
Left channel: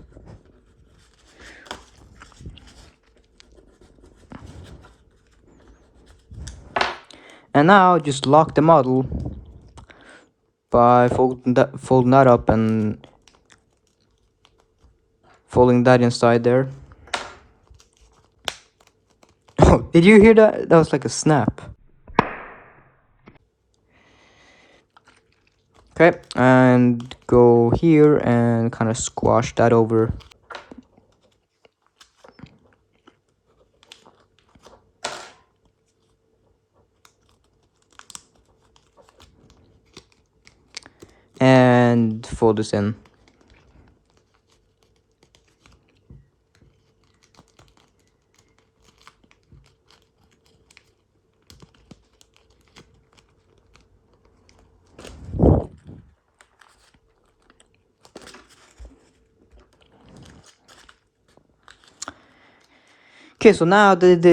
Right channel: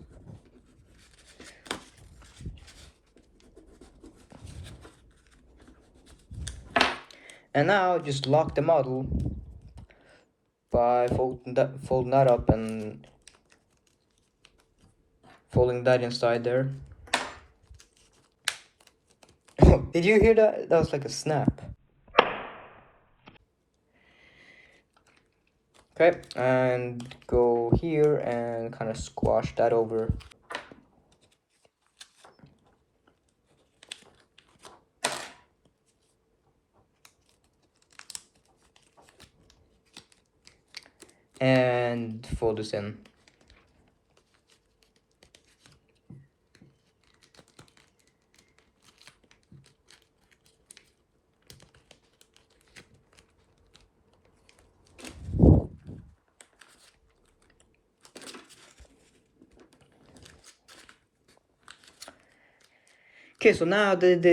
And now just lock the model by folding that up and folding that inside there. Oh, did you hear that? That was like a snap. Okay, and go here and kind of squash that over. And fold this in. Okay, so now this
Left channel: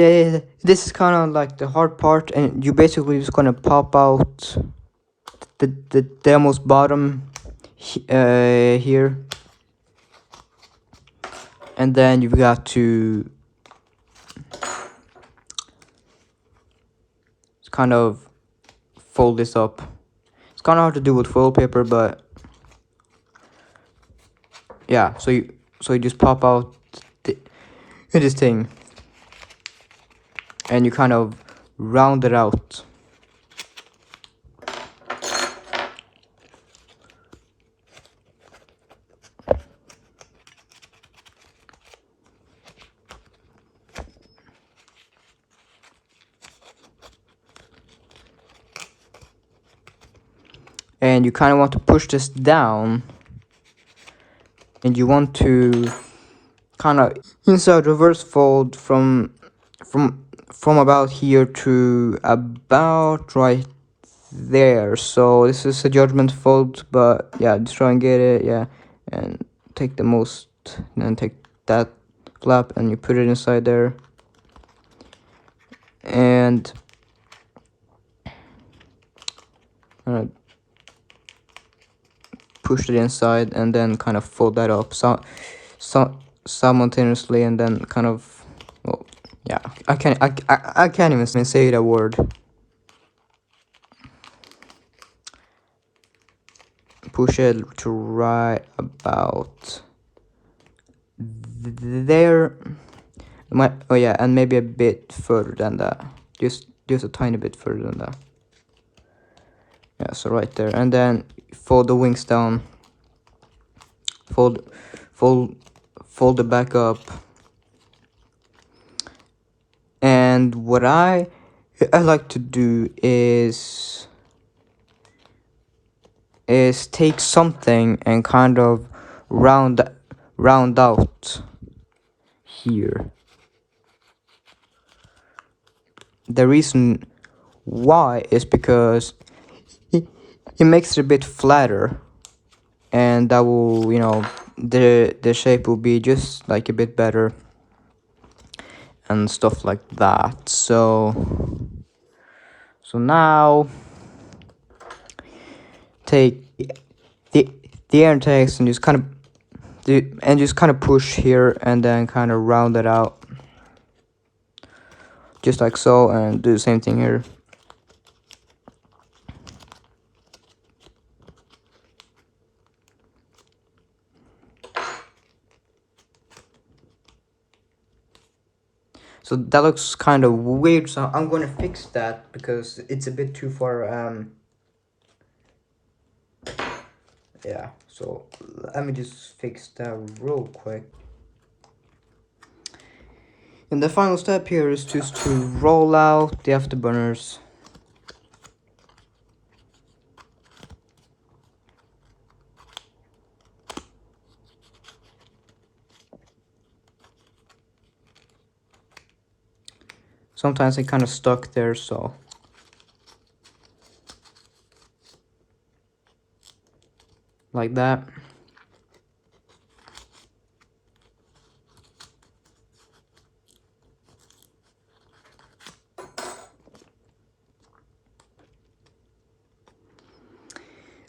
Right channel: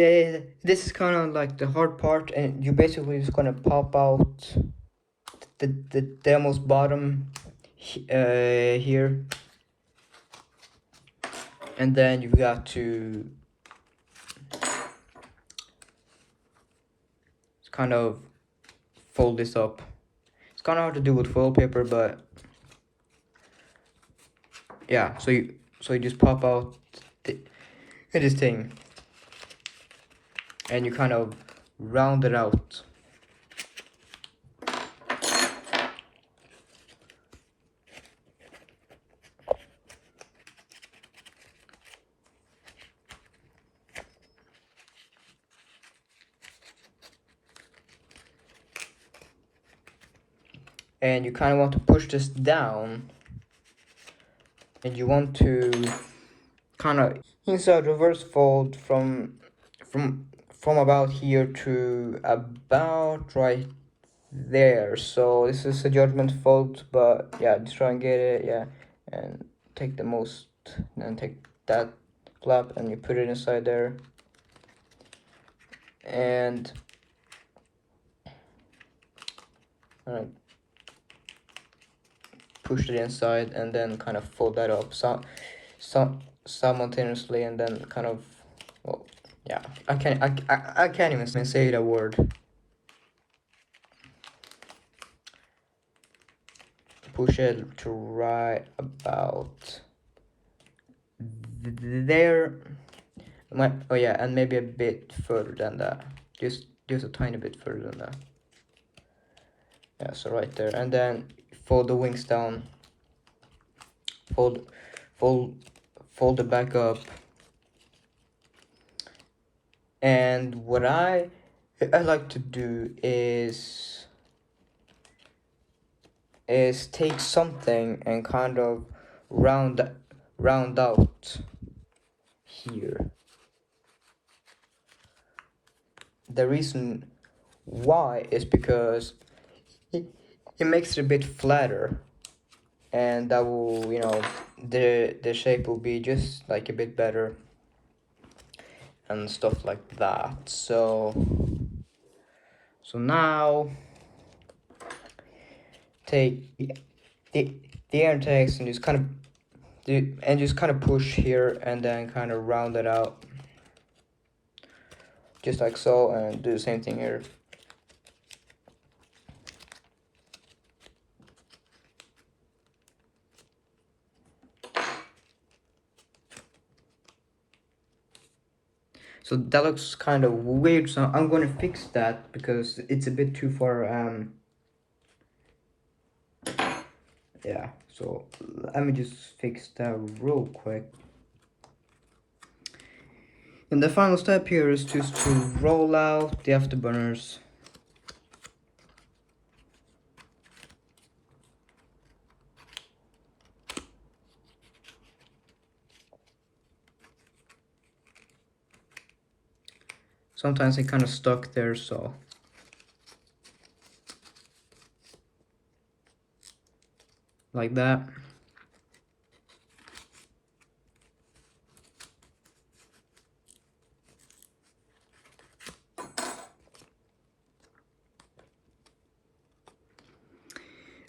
is kind of like the hard part, and you basically just gonna pop out the almost bottom here, and then you've got to kind of fold this up. It's kind of hard to do with foil paper, but yeah. So you just pop out this thing, and you kind of round it out. And you kind of want to push this down, and you want to kind of insert reverse fold from about here to about right there. So this is a judgment fold, but yeah, just try and get it, yeah, and take the most, and then take that flap and you put it inside there, and push it inside, and then kind of fold that up simultaneously, and then kind of, well, yeah, I can't even say that word. Push it to right about there. Oh yeah, and maybe a bit further than that. Just a tiny bit further than that. Yeah, so right there, and then fold the wings down. Fold it back up. And what I like to do is take something and kind of round out here. The reason why is because it makes it a bit flatter, and that will, you know, the shape will be just like a bit better and stuff like that. So now take the air intakes and just kind of push here, and then kind of round it out just like so, and do the same thing here. So that looks kind of weird, so I'm going to fix that because it's a bit too far. Yeah, so let me just fix that real quick. And the final step here is just to roll out the afterburners. Sometimes it kind of stuck there, so like that.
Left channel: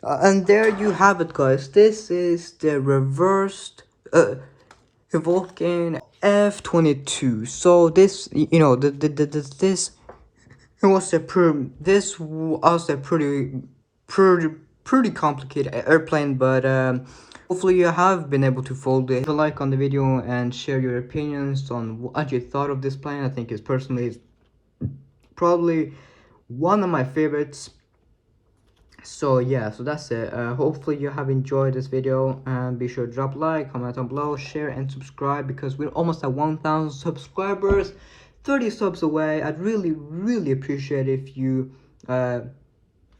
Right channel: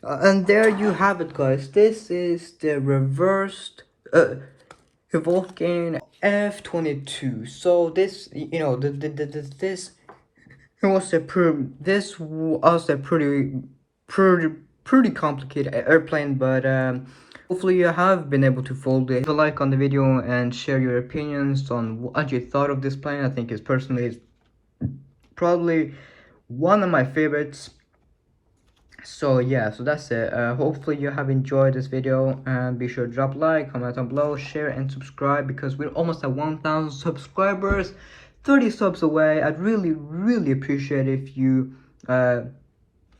And there you have it, guys. This is the reversed Vulcan F-22. So this, you know, this was a pretty complicated airplane, but hopefully you have been able to fold it. Leave a like on the video and share your opinions on what you thought of this plane. I think it's personally probably one of my favorites. So yeah, so that's it. Hopefully you have enjoyed this video, and be sure to drop a like, comment down below, share and subscribe, because we're almost at 1,000 subscribers, 30 subs away. I'd really appreciate if you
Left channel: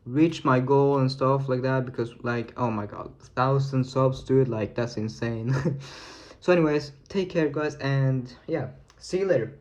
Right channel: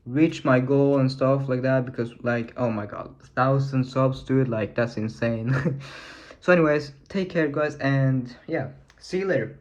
reach my goal and stuff like that, because like, oh my god, 1,000 subs, dude, like that's insane. So anyways, take care guys, and yeah, see you later.